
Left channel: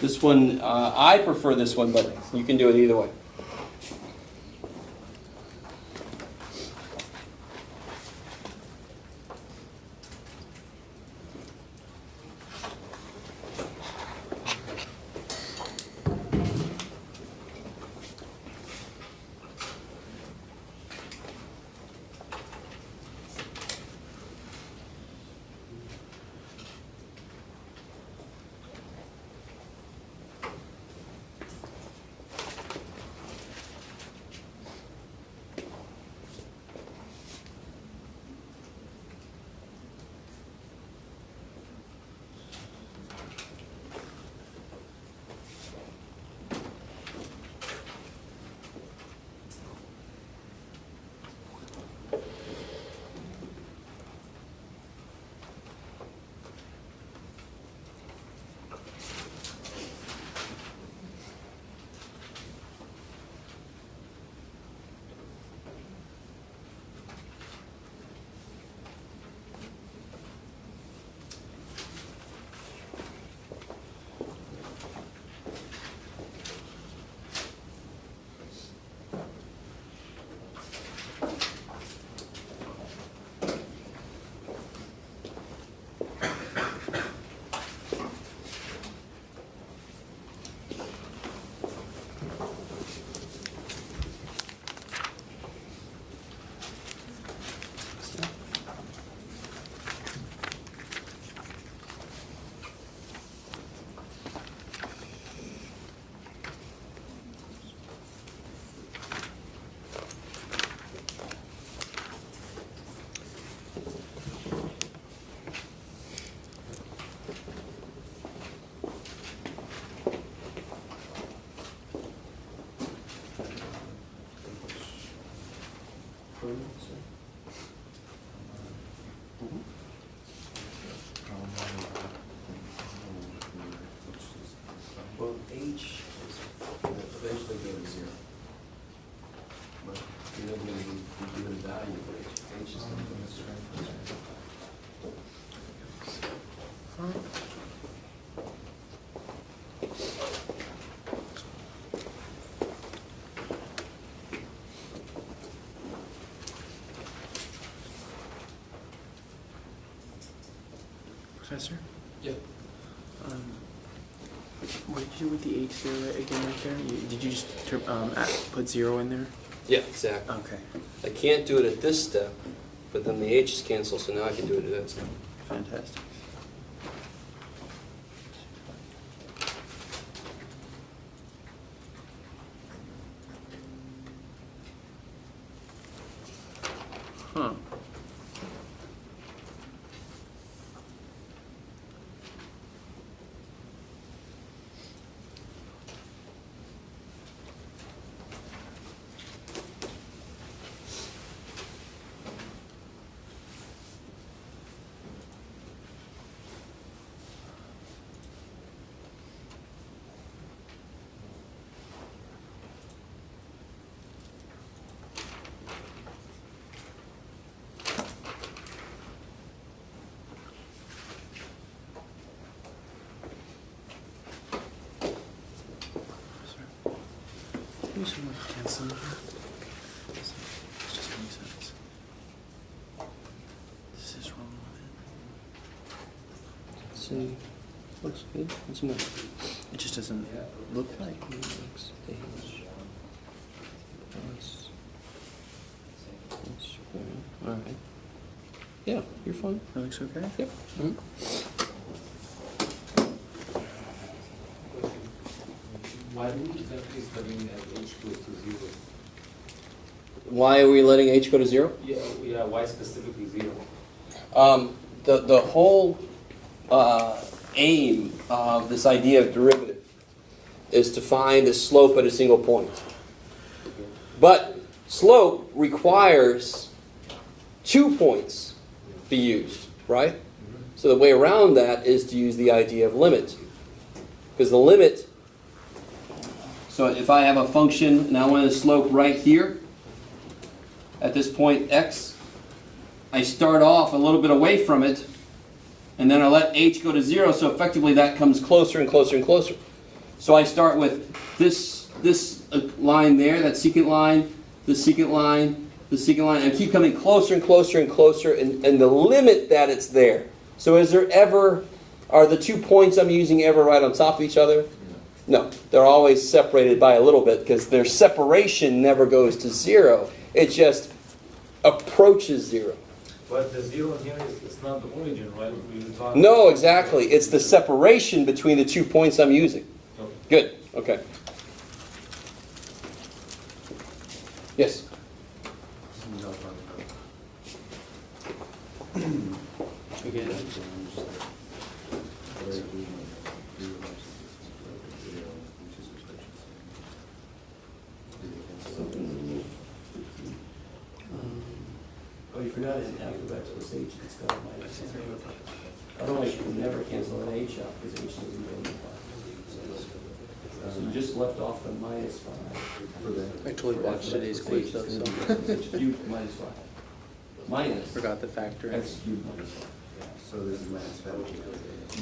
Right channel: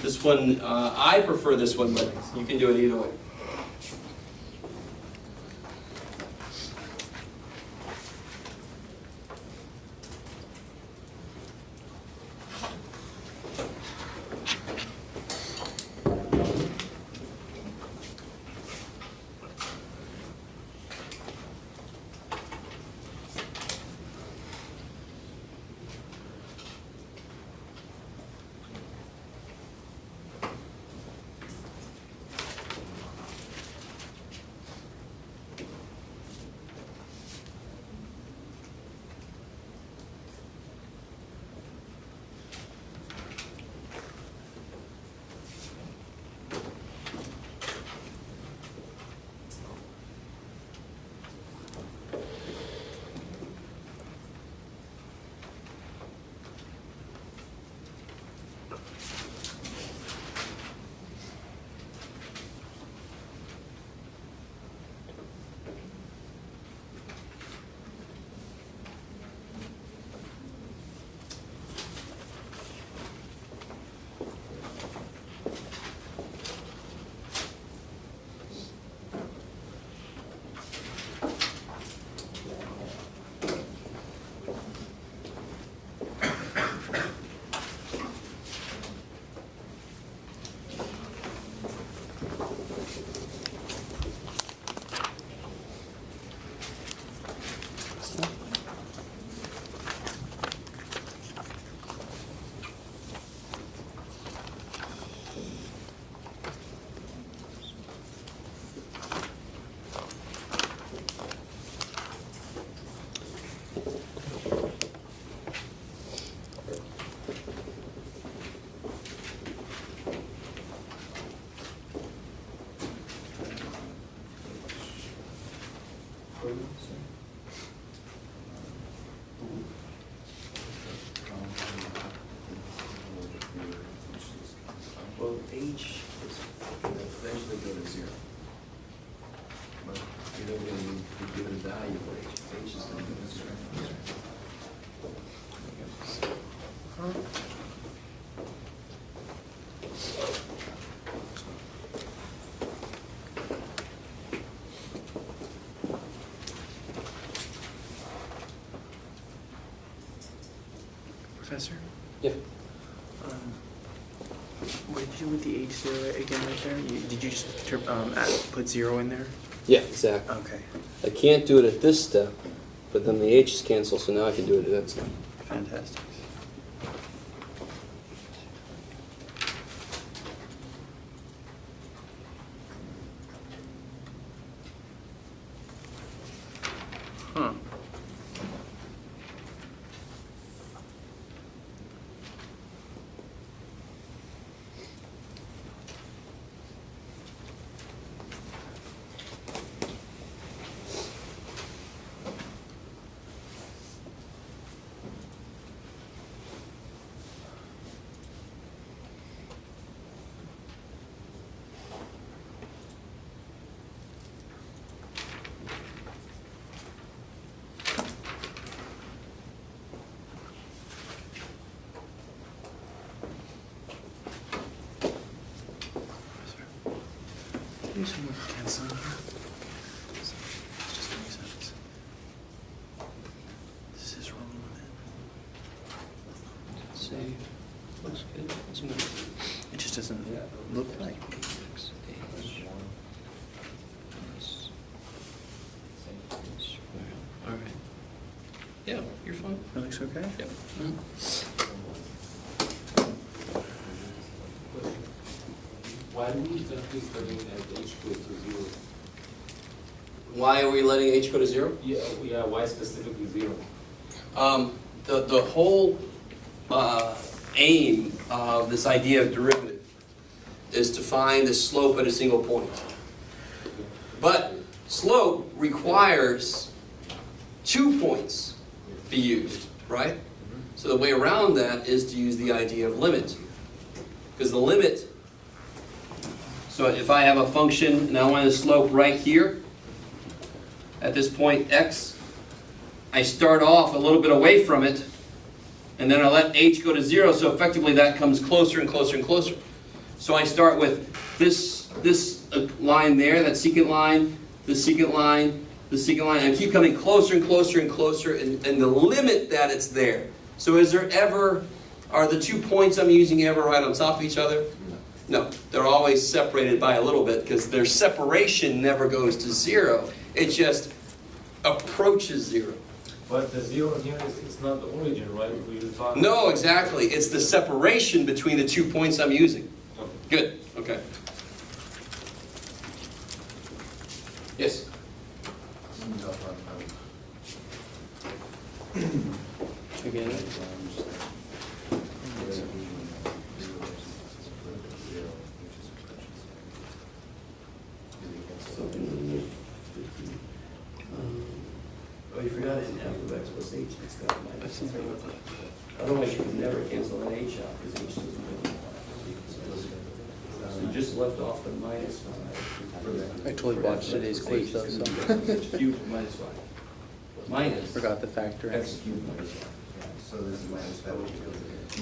this one, I prefer this one, but you can do it either way. Well, h is eventually go to 0. But you're never going to be given a value for h. H is going to go to 0. Professor? Yeah. What did you do with the H0 again right there? Did you just put 0 in there? Yeah, exactly. Okay. I can't do it at this step, but then the H's cancel, so now I can do it at that step. Fantastic. Huh. Do some more canceling here. Just makes sense. This is wrong with See, looks good. What's the matter? it. It just doesn't look like. All right. Yeah, you're fine. That looks okay. Yep. Why do we confuse the mean as h goes to 0? Why are we letting h go to 0? Yeah, why specifically 0? The whole aim of this idea of derivative is to find the slope at a single point. But slope requires 2 points be used, right? So the way around that is to use the idea of limit. Because the limit, so if I have a function and I want the slope right here, at this point x, I start off a little bit away from it, and then I let h go to 0, so effectively that comes closer and closer and closer. So I start with this line there, that secant line, the secant line, the secant line, and I keep coming closer and closer and closer, and the limit that it's there. So are the 2 points I'm using ever right on top of each other? No, they're always separated by a little bit, because their separation never goes to 0. It just approaches 0. But the 0 here is not the origin, right? We talk No, exactly. It's the separation between the 2 points I'm using. Okay. Good. Okay. Yes. Again. Oh, you forgot it in f of x plus h, it's got a minus sign. Otherwise, you can never cancel an h out, because h doesn't go in the So you just left off the minus 5 for that. I totally watched today's quiz though, so. X cubed minus 5. Minus Forgot the factor in. x cubed minus 5. So this is minus 5.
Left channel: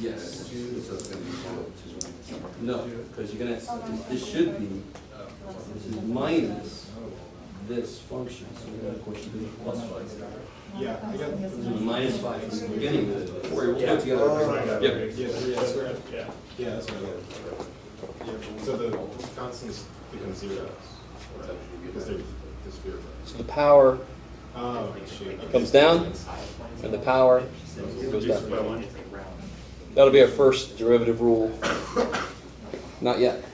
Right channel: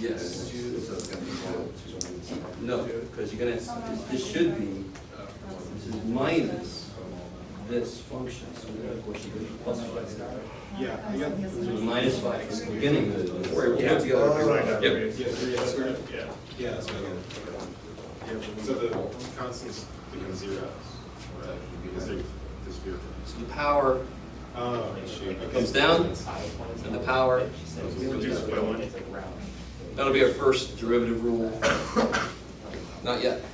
Yes. So it's going to be no, because you're going to, this should be, this is minus this function. So then, of course, you do plus 5. Yeah, I got. So the minus 5 from the beginning. We're put Yeah, together. Yeah, that's what I got. Yeah, so the constants become 0. Because they disappear. So the power Oh, shoot. comes down, and the power goes Reduced by down. 1. That'll be our first derivative rule. Not yet.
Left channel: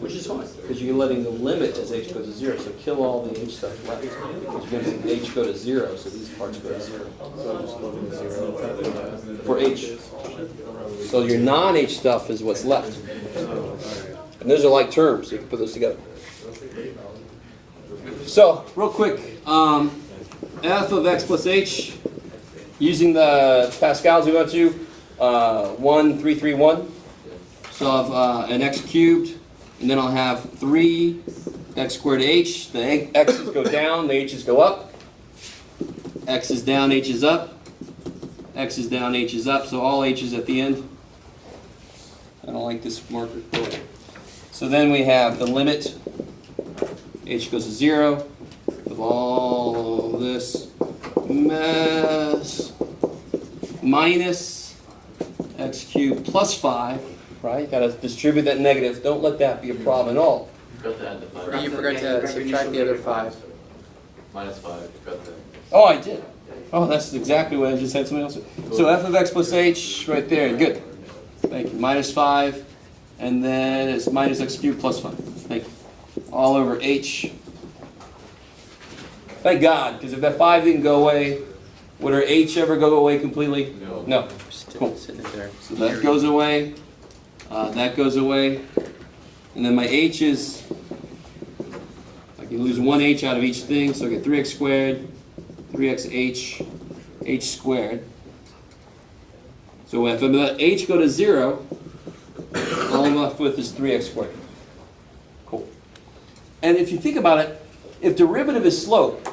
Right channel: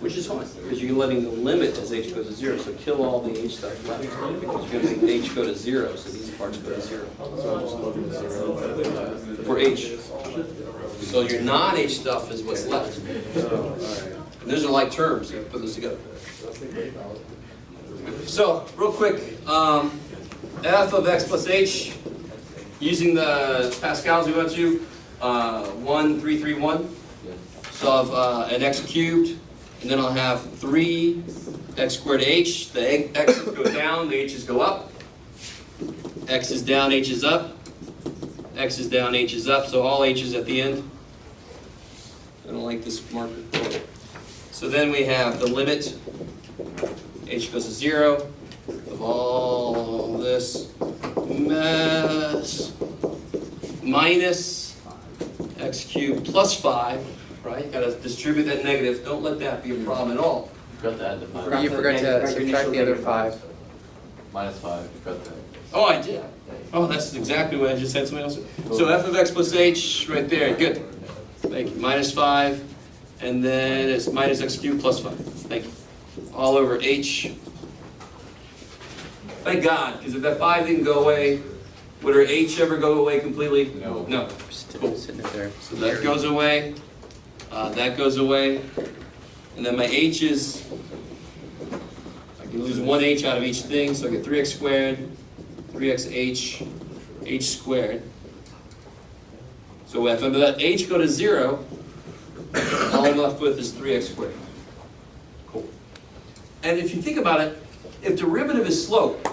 Which is fine, because you're letting the limit as h goes to 0, so kill all the h stuff left, because you're going to make h go to 0, so these parts go to 0. So just look at 0. For h. So your non-h stuff is what's left. And those are like terms, you can put those together. So, real quick, f of x plus h, using the Pascals we went to, 1, 3, 3, 1. So I'll have an x cubed, and then I'll have 3 x squared h. The x's go down, the h's go up. X is down, h is up. X is down, h is up. So all h's at the end. I don't like this marker. So then we have the limit, h goes to 0, of all this mess, minus x cubed plus 5, right? Got to distribute that negative. Don't let that be a problem at all. You forgot to subtract the other 5. Minus 5, cut that. Oh, I did. Oh, that's exactly what I just said. Somebody else. So f of x plus h, right there. Good. Thank you. Minus 5, and then it's minus x cubed plus 5. Thank you. All over h. Thank God, because if that 5 didn't go away, would our h ever go away completely? No. Cool. Sitting there. So that goes away. That goes away. And then my h's, I can lose one h out of each thing, so I get 3x squared, 3xh, h squared. So if I let h go to 0, all I'm left with is 3x squared. Cool. And if you think about it, if derivative is slope,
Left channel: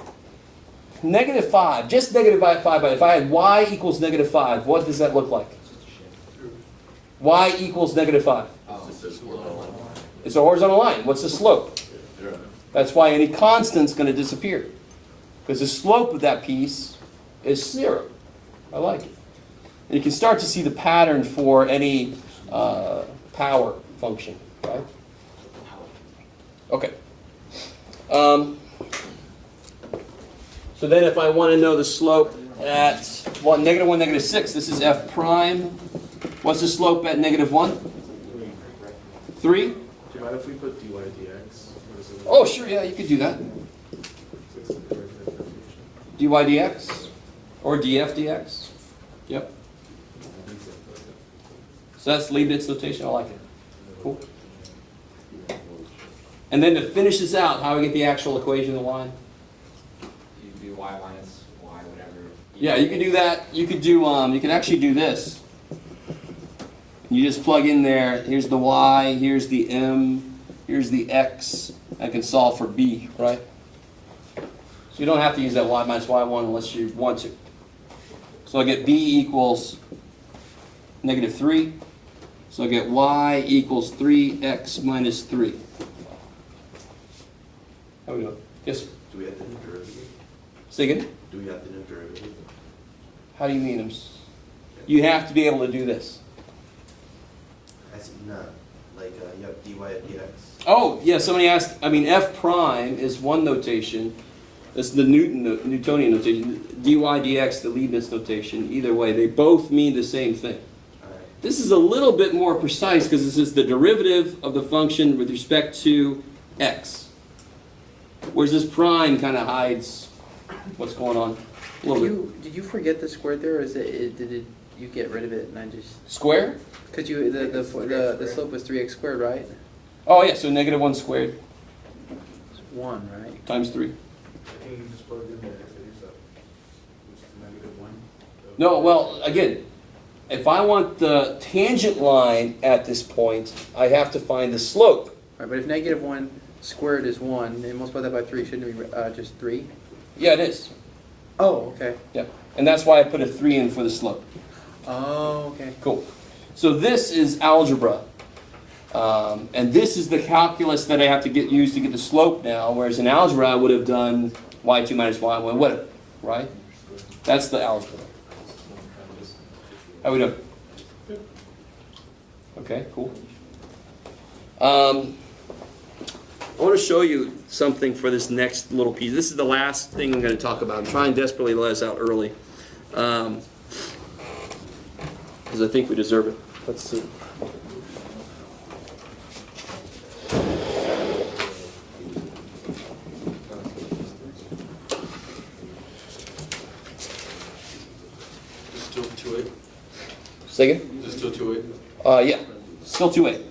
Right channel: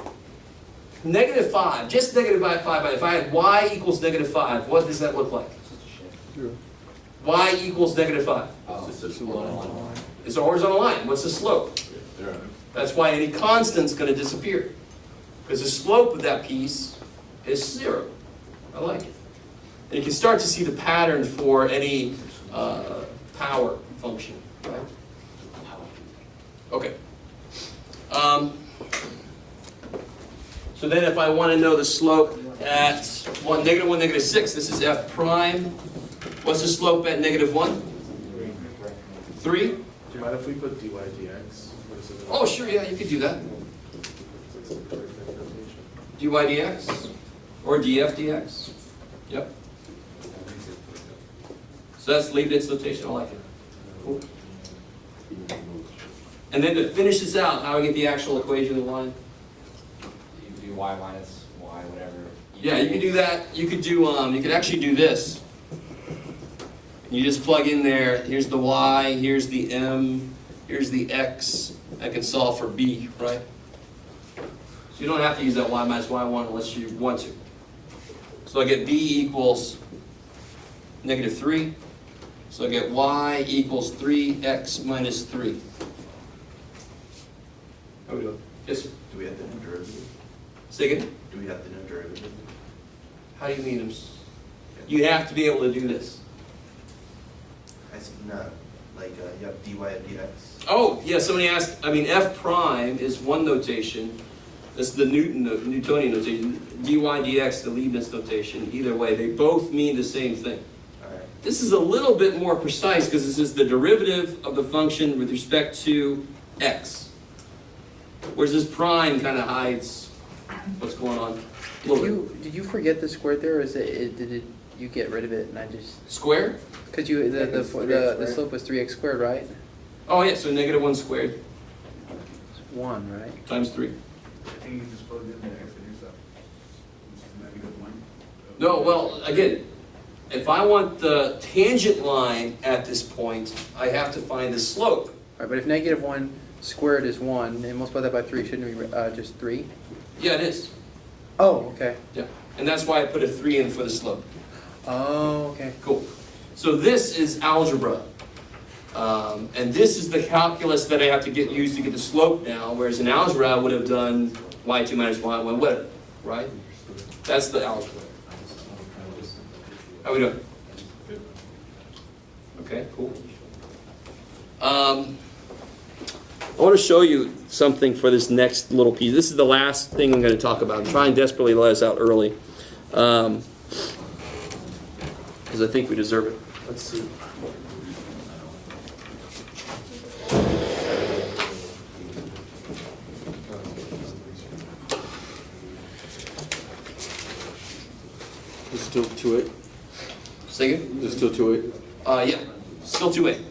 negative 5, just negative 5, but if I had y equals negative 5, what does that look like? Y equals negative 5. It's a horizontal line. What's the slope? That's why any constant's going to disappear. Because the slope of that piece is 0. I like it. And you can start to see the pattern for any power function, right? Okay. So then if I want to know the slope at -1, -6, this is f prime. What's the slope at -1? 3? Do you mind if we put dy dx? Oh, sure, yeah, you could do that. dy dx or df dx. Yep. So that's Leibniz notation. I like it. Cool. And then to finish this out, how do I get the actual equation of the line? You do y minus y, whatever. Yeah, you can do that. You could do. You can actually do this. You just plug in there. Here's the y. Here's the m. Here's the x. I can solve for b, right? So you don't have to use that y minus y1 unless you want to. So I get b equals -3. So I get y equals 3x minus 3. How we doing? Yes, sir. Do we have the new derivative? Say again? Do we have the new derivative? How do you mean? You have to be able to do this. I see, not like you have dy of dx. Oh, yeah, somebody asked, I mean, f prime is one notation. That's the Newtonian notation. dy dx, the Leibniz notation. Either way, they both mean the same thing. All right. This is a little bit more precise because this is the derivative of the function with respect to x. Whereas this prime kind of hides what's going on a little bit. Did you forget the squared there, or did you get rid of it and I just... Square? Because the slope was 3x squared, right? Oh, yeah, so -1 squared It's 1, right? times 3. I think you just plugged in there, which is -1. No, well, again, if I want the tangent line at this point, I have to find the slope. Right, but if -1 squared is 1, and multiply that by 3, shouldn't it be just 3? Yeah, it is. Oh, okay. Yeah, and that's why I put a 3 in for the slope. Oh, okay. Cool. So this is algebra. And this is the calculus that I have to use to get the slope now, whereas in algebra I would have done y2 minus y1, whatever, right? That's the algebra. How we doing? Okay, cool. I want to show you something for this next little piece. This is the last thing I'm going to talk about. I'm trying desperately to let us out early. Because I think we deserve it. Let's see. There's still 2A. Say again? There's still 2A. Yeah. Still 2A.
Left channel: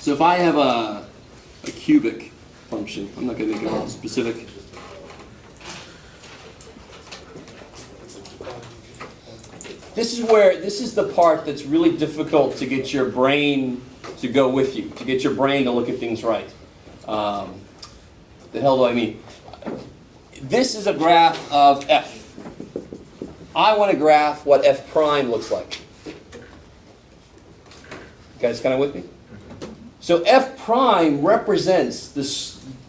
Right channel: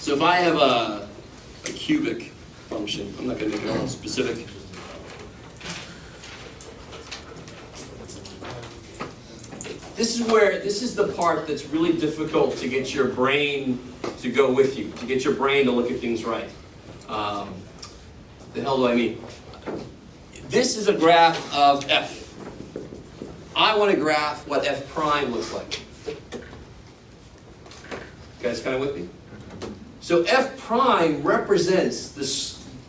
So if I have a cubic function, I'm not going to go specific. This is the part that's really difficult to get your brain to go with you, to get your brain to look at things right. The hell do I mean? This is a graph of f. I want to graph what f prime looks like. You guys kind of with me? So f prime represents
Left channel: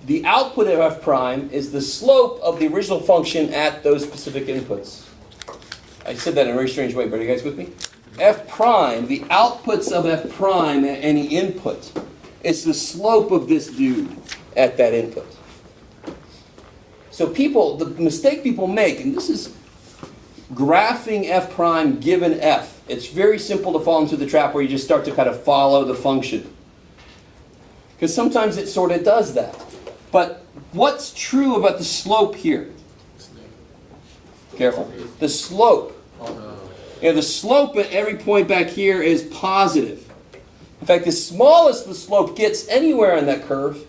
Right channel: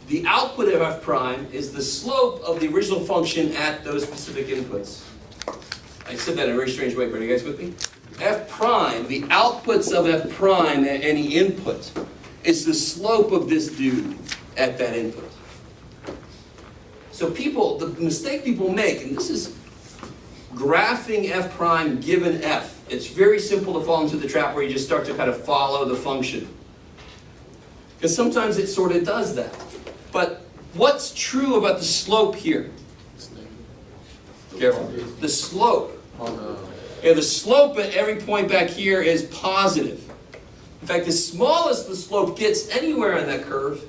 the output of f prime is the slope of the original function at those specific inputs. I said that in a very strange way, but are you guys with me? F prime, the outputs of f prime at any input, is the slope of this dude at that input. So the mistake people make, and this is graphing f prime given f. It's very simple to fall into the trap where you just start to kind of follow the function. Because sometimes it sort of does that. But what's true about the slope here? Careful. The slope. Yeah, the slope at every point back here is positive. In fact, the smallest the slope gets anywhere on that curve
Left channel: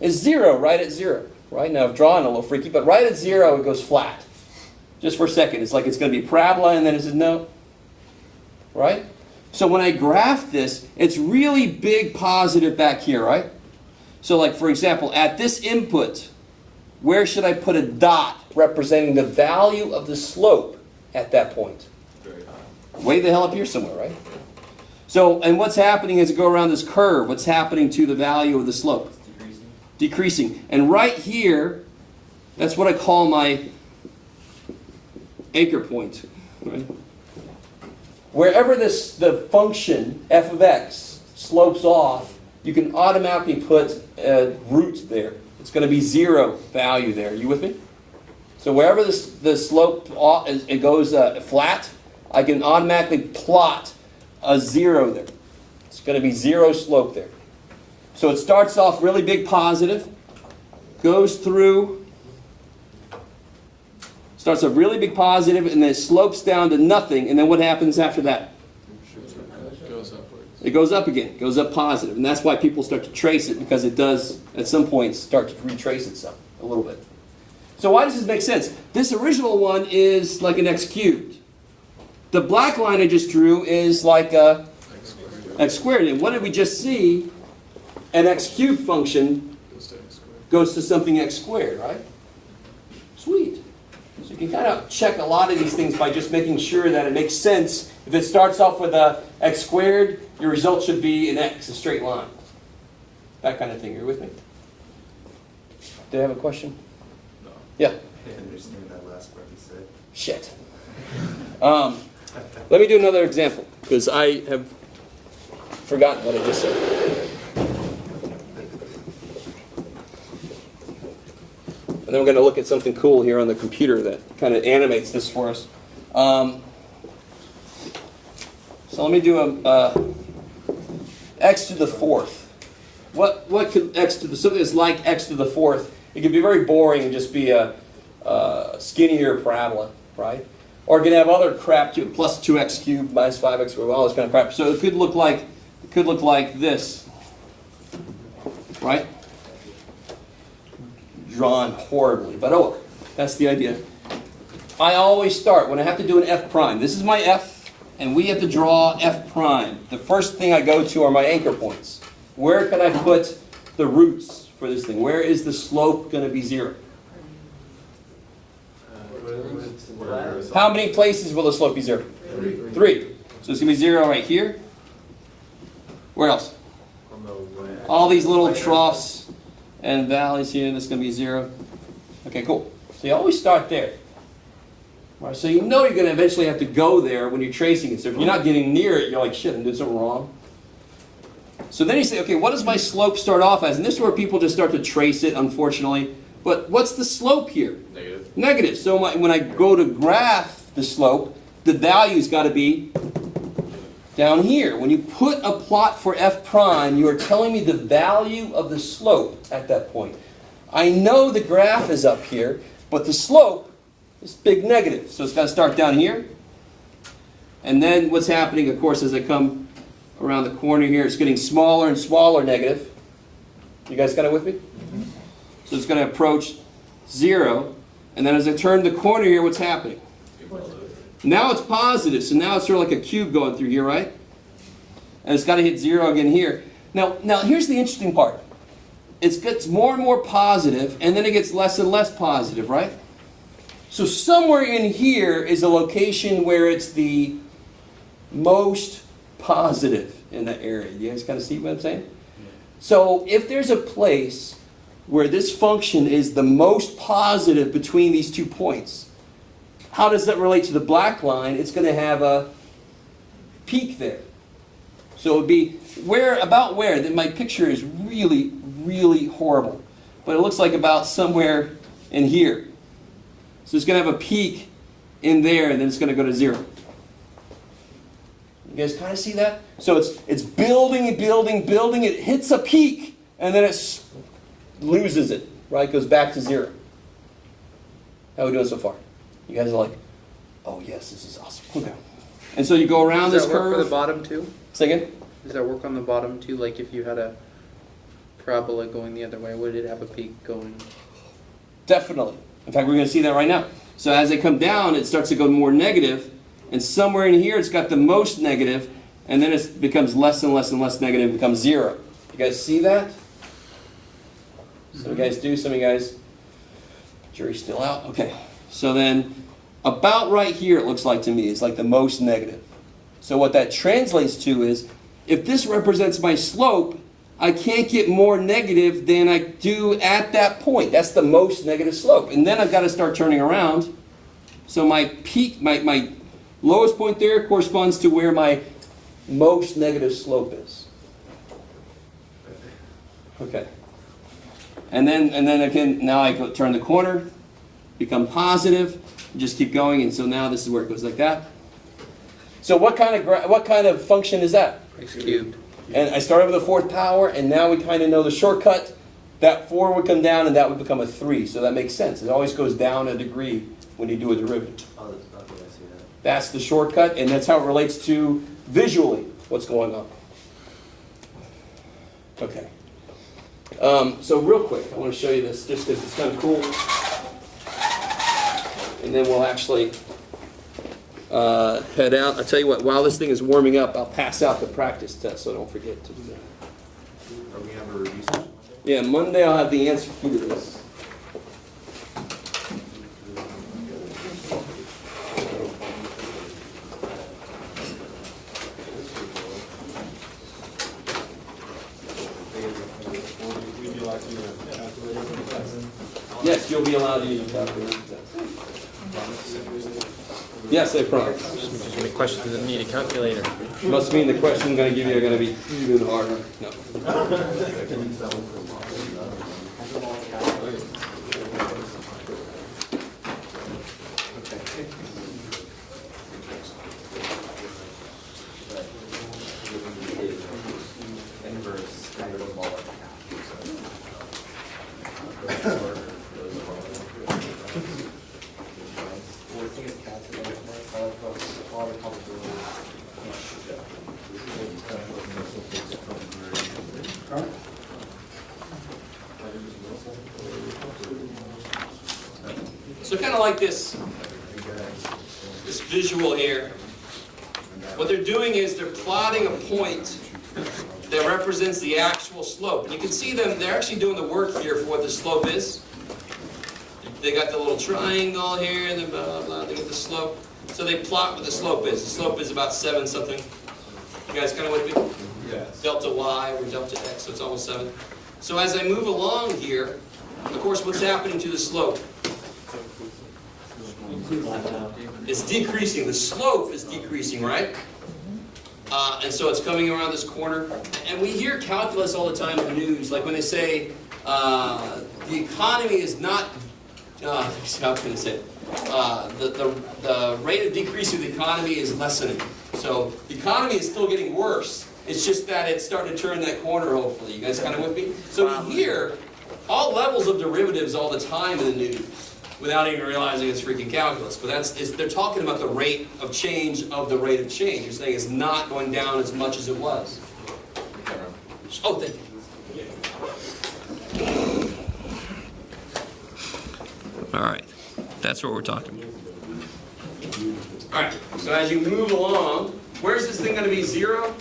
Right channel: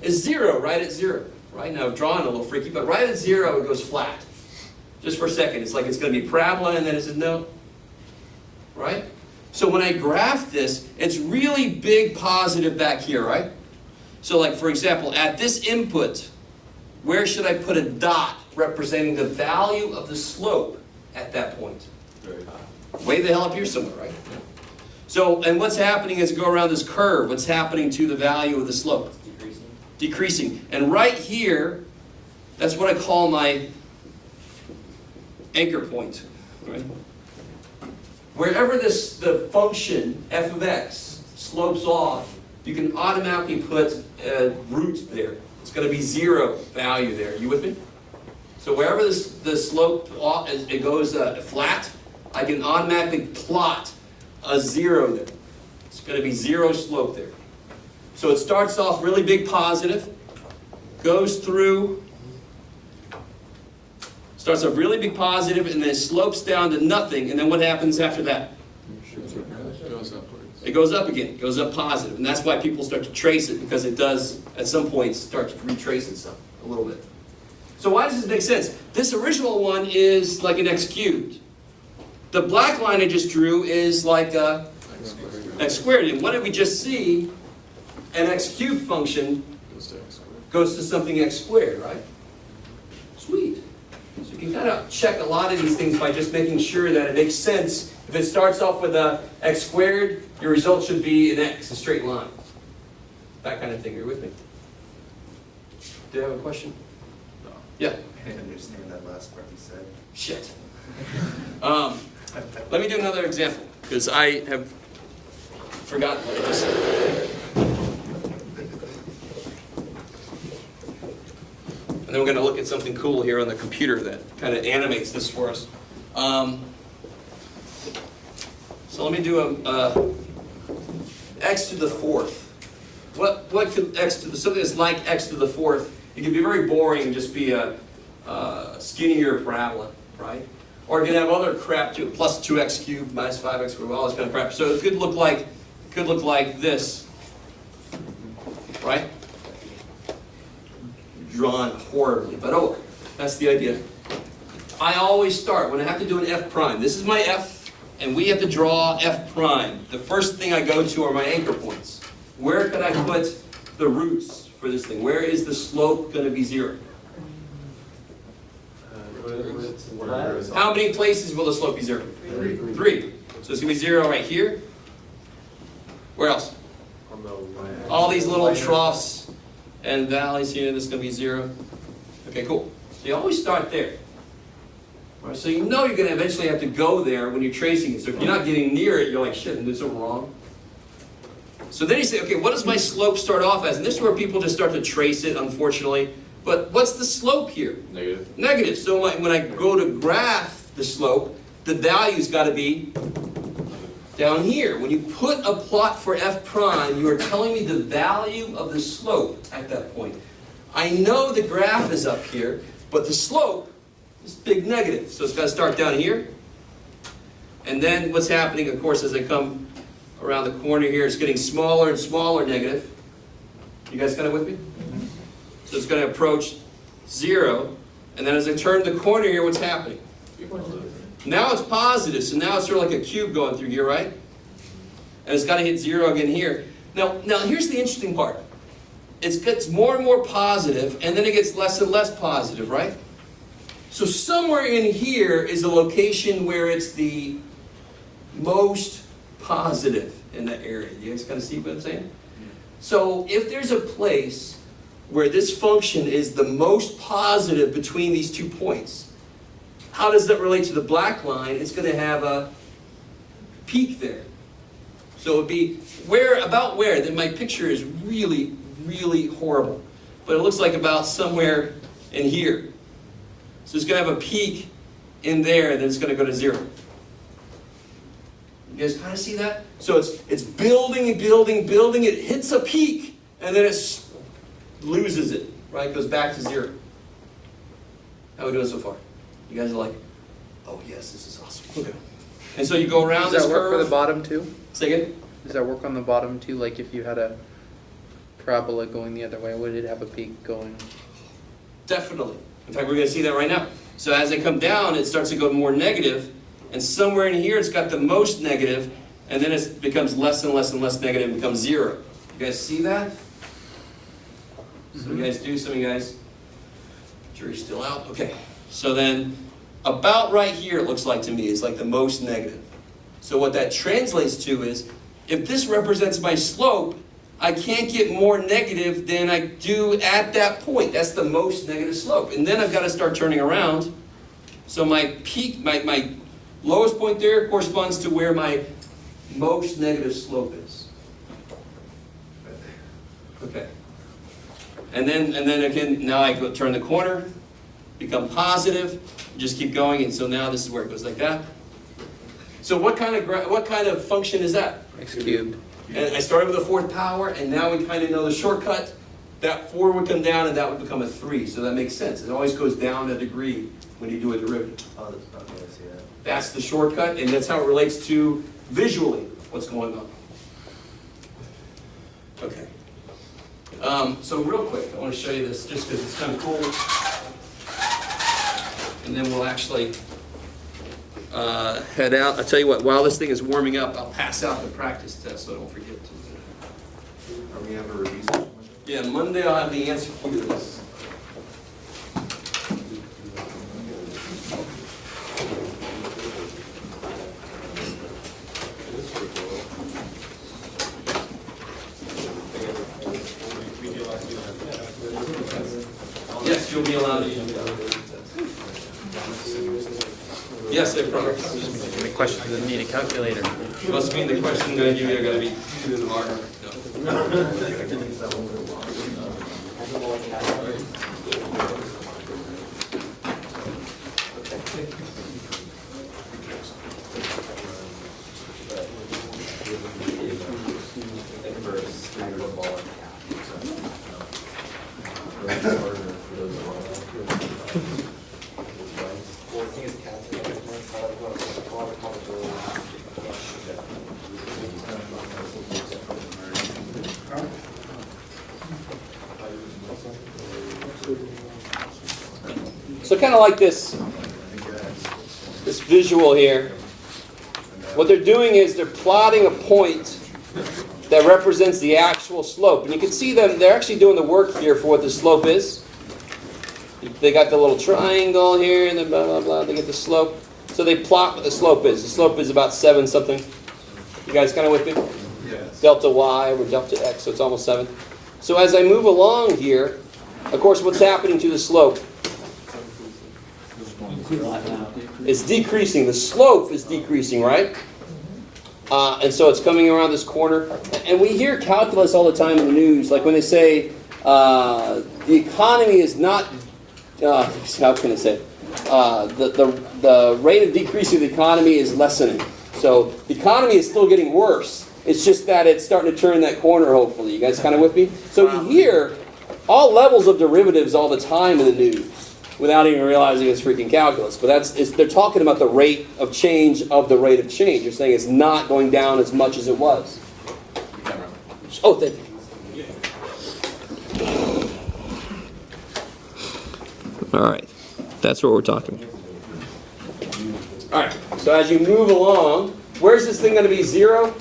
is 0, right at 0. Right? Now, I'm drawing a little freaky, but right at 0 it goes flat. Just for a second. It's like it's going to be parabola, and then it says no. Right? So when I graph this, it's really big positive back here, right? So like, for example, at this input, where should I put a dot representing the value of the slope at that point? Way the hell up here somewhere, right? So, and what's happening as you go around this curve? What's happening to the value of the slope? Decreasing. And right here, that's what I call my anchor point. Right? Wherever the function f of x slopes off, you can automatically put a root there. It's going to be 0 value there. You with me? So wherever the slope it goes flat, I can automatically plot a 0 there. It's going to be 0 slope there. So it starts off really big positive, goes through, starts off really big positive, and then slopes down to nothing. And then what happens after that? It goes up again. It goes up positive. And that's why people start to trace it, because it does, at some point, start to retrace itself a little bit. So why does this make sense? This original one is like an x cubed. The black line I just drew is like a x squared. And what did we just see? An x cubed function goes to something x squared, right? Sweet. So you can kind of check a lot of these things by just making sure that it makes sense. If it starts off with a x squared, your result should be an x, a straight line. That kind of thing. You're with me? Do you have a question? No. Yeah. I didn't understand that last part you said. Shit. Let me do another example, because I have forgotten what I just said. And then we're going to look at something cool here on the computer that kind of animates this for us. So let me do a x to the fourth. What could x to the, something that's like x to the fourth? It could be very boring and just be a skinnier parabola, right? Or it could have other crap too, plus 2x cubed minus 5x squared, all this kind of crap. So it could look like this, right? Drawn horribly, but oh, that's the idea. I always start when I have to do an f prime. This is my f, and we have to draw f prime. The first thing I go to are my anchor points. Where can I put the roots for this thing? Where is the slope going to be 0? How many places will the slope be 0? 3. So it's going to be 0 right here. Where else? All these little troughs and valleys here, and this is going to be 0. Okay, cool. So you always start there. All right, so you know you're going to eventually have to go there when you're tracing it. So if you're not getting near it, you're like, shit, I'm doing something wrong. So then you say, okay, what does my slope start off as? And this is where people just start to trace it, unfortunately. But what's the slope here? Negative. Negative. So when I go to graph the slope, the value's got to be down here. When you put a plot for f prime, you are telling me the value of the slope at that point. I know the graph is up here, but the slope is big negative. So it's got to start down here. And then what's happening, of course, as I come around the corner here, it's getting smaller and smaller negative. You guys got it with me? Mm-hmm. So it's going to approach 0. And then as I turn the corner here, what's happening? Now it's positive. So now it's sort of like a cube going through here, right? And it's got to hit 0 again here. Now here's the interesting part. It gets more and more positive, and then it gets less and less positive, right? So somewhere in here is a location where it's the most positive in that area. You guys kind of see what I'm saying? Yeah. So if there's a place where this function is the most positive between these 2 points, how does that relate to the black line? It's going to have a peak there. So it would be about where? Then my picture is really, really horrible. But it looks like about somewhere in here. So it's going to have a peak in there, and then it's going to go to 0. You guys kind of see that? So it's building and building, building. It hits a peak, and then it loses it, right? Goes back to 0. How are we doing so far? You guys are like, oh yes, this is awesome. Okay. And so you go around this curve. Does that work for the bottom too? Say again? Does that work on the bottom too? Like if you had a parabola going the other way, would it have a peak going? Definitely. In fact, we're going to see that right now. So as they come down, it starts to go more negative. And somewhere in here, it's got the most negative. And then it becomes less and less and less negative. It becomes 0. You guys see that? Some of you guys do. Some of you guys, jury's still out. Okay. So then, about right here, it looks like to me, is like the most negative. So what that translates to is, if this represents my slope, I can't get more negative than I do at that point. That's the most negative slope. And then I've got to start turning around. So my peak, my lowest point there corresponds to where my most negative slope is. Okay. And then again, now I go turn the corner, become positive, just keep going, and so now this is where it goes like that. So what kind of function is that? X cubed. And I started with a fourth power, and now we kind of know the shortcut. That 4 would come down, and that would become a 3. So that makes sense. It always goes down a degree when you do a derivative. Oh, okay, I see that. That's the shortcut, and that's how it relates to visually what's going on. Okay. So real quick, I want to show you this just because it's kind of cool. And then we'll actually head out. I'll tell you what, while this thing is warming up, I'll pass out the practice test, so don't forget to do that. Are we have a review session? Yeah, Monday I'll have the answer key to this. Yes, you'll be allowed to use that. Yes, I promise. The question doesn't need a calculator. Must mean the question I'm going to give you are going to be even harder. No. So kind of like this visual here. What they're doing is they're plotting a point that represents the actual slope. And you can see them, they're actually doing the work here for what the slope is. They got the little triangle here, and then blah, blah, blah, they get the slope. So they plot what the slope is. The slope is about 7 something. You guys kind of with me? Yes. Delta y or delta x, so it's almost 7. So as I move along here, of course, what's happening to the slope? It's decreasing. The slope is decreasing, right? And so it's coming around this corner. And we hear calculus all the time in the news, like when they say the economy is not, how can I say it? The rate of decrease of the economy is lessening. So the economy is still getting worse. It's just that it's starting to turn that corner, hopefully. You guys kind of with me? So you hear all levels of derivatives all the time in the news without even realizing it's freaking calculus. But they're talking about the rate of change of the rate of change. They're saying it's not going down as much as it was. Oh, thank you. All right. That's what we're talking. All right. So as you move along, where's this thing going to be 0?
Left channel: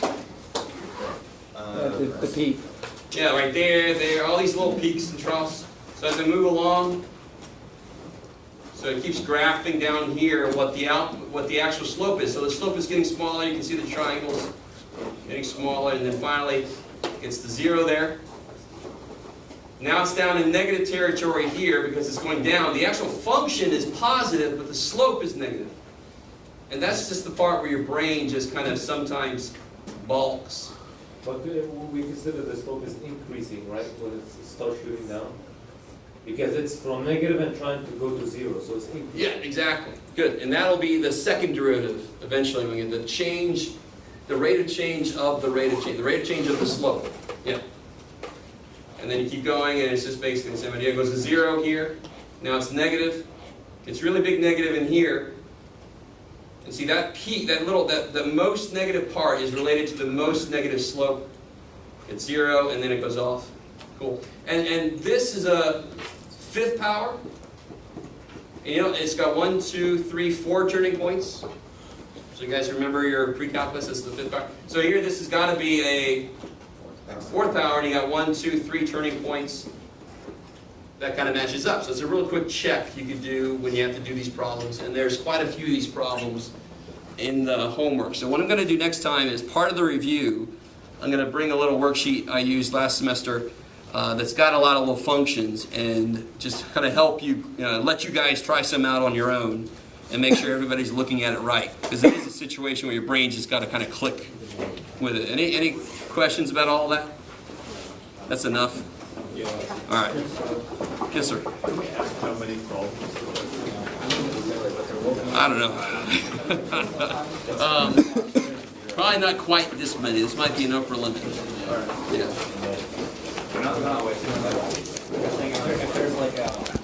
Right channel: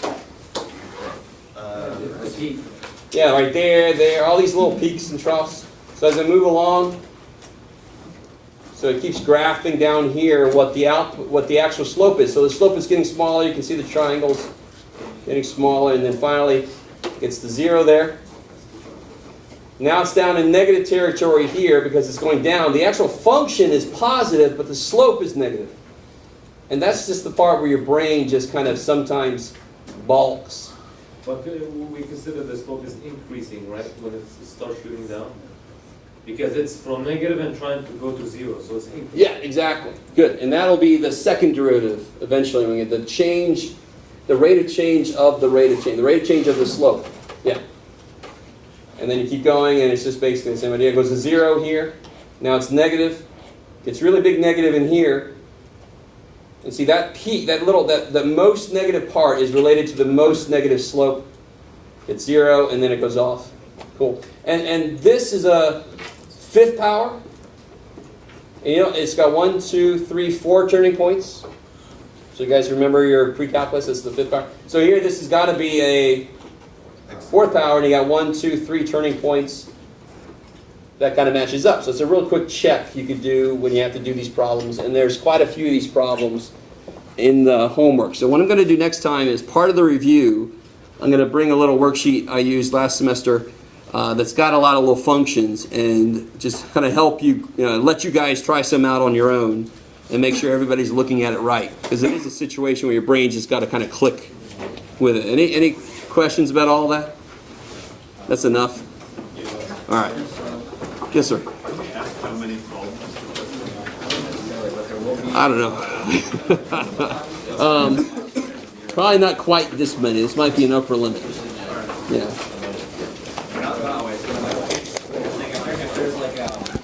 The peak. Yeah, right there, all these little peaks and troughs. So as I move along, so it keeps graphing down here what the actual slope is. So the slope is getting smaller. You can see the triangles getting smaller, and then finally it's the 0 there. Now it's down in negative territory here because it's going down. The actual function is positive, but the slope is negative. And that's just the part where your brain just kind of sometimes balks. But we consider the slope is increasing, right, when it starts shooting down? Because it's from negative and trying to go to 0, so it's increasing. Yeah, exactly. Good. And that'll be the second derivative eventually when we get the rate of change of the rate of change, the rate of change of the slope. Yeah. And then you keep going, and it's just basically the same idea. It goes to 0 here. Now it's negative. It's really big negative in here. And see that peak, the most negative part is related to the most negative slope. It's 0, and then it goes off. Cool. And this is a 5th power. And you know, it's got 1, 2, 3, 4 turning points. So you guys remember your pre-calculus, this is the 5th power. So here this has got to be a 4th power, and you got 1, 2, 3 turning points. That kind of matches up. So it's a real quick check you could do when you have to do these problems. And there's quite a few of these problems in the homework. So what I'm going to do next time is part of the review, I'm going to bring a little worksheet I used last semester that's got a lot of little functions and just kind of help you, let you guys try some out on your own and make sure everybody's looking at it right. Because it is a situation where your brain's just got to kind of click with it. Any questions about all that? That's enough? All right. Yes, sir. How many problems? I don't know. Probably not quite this many. This might be an upper limit. Yeah. If there's like a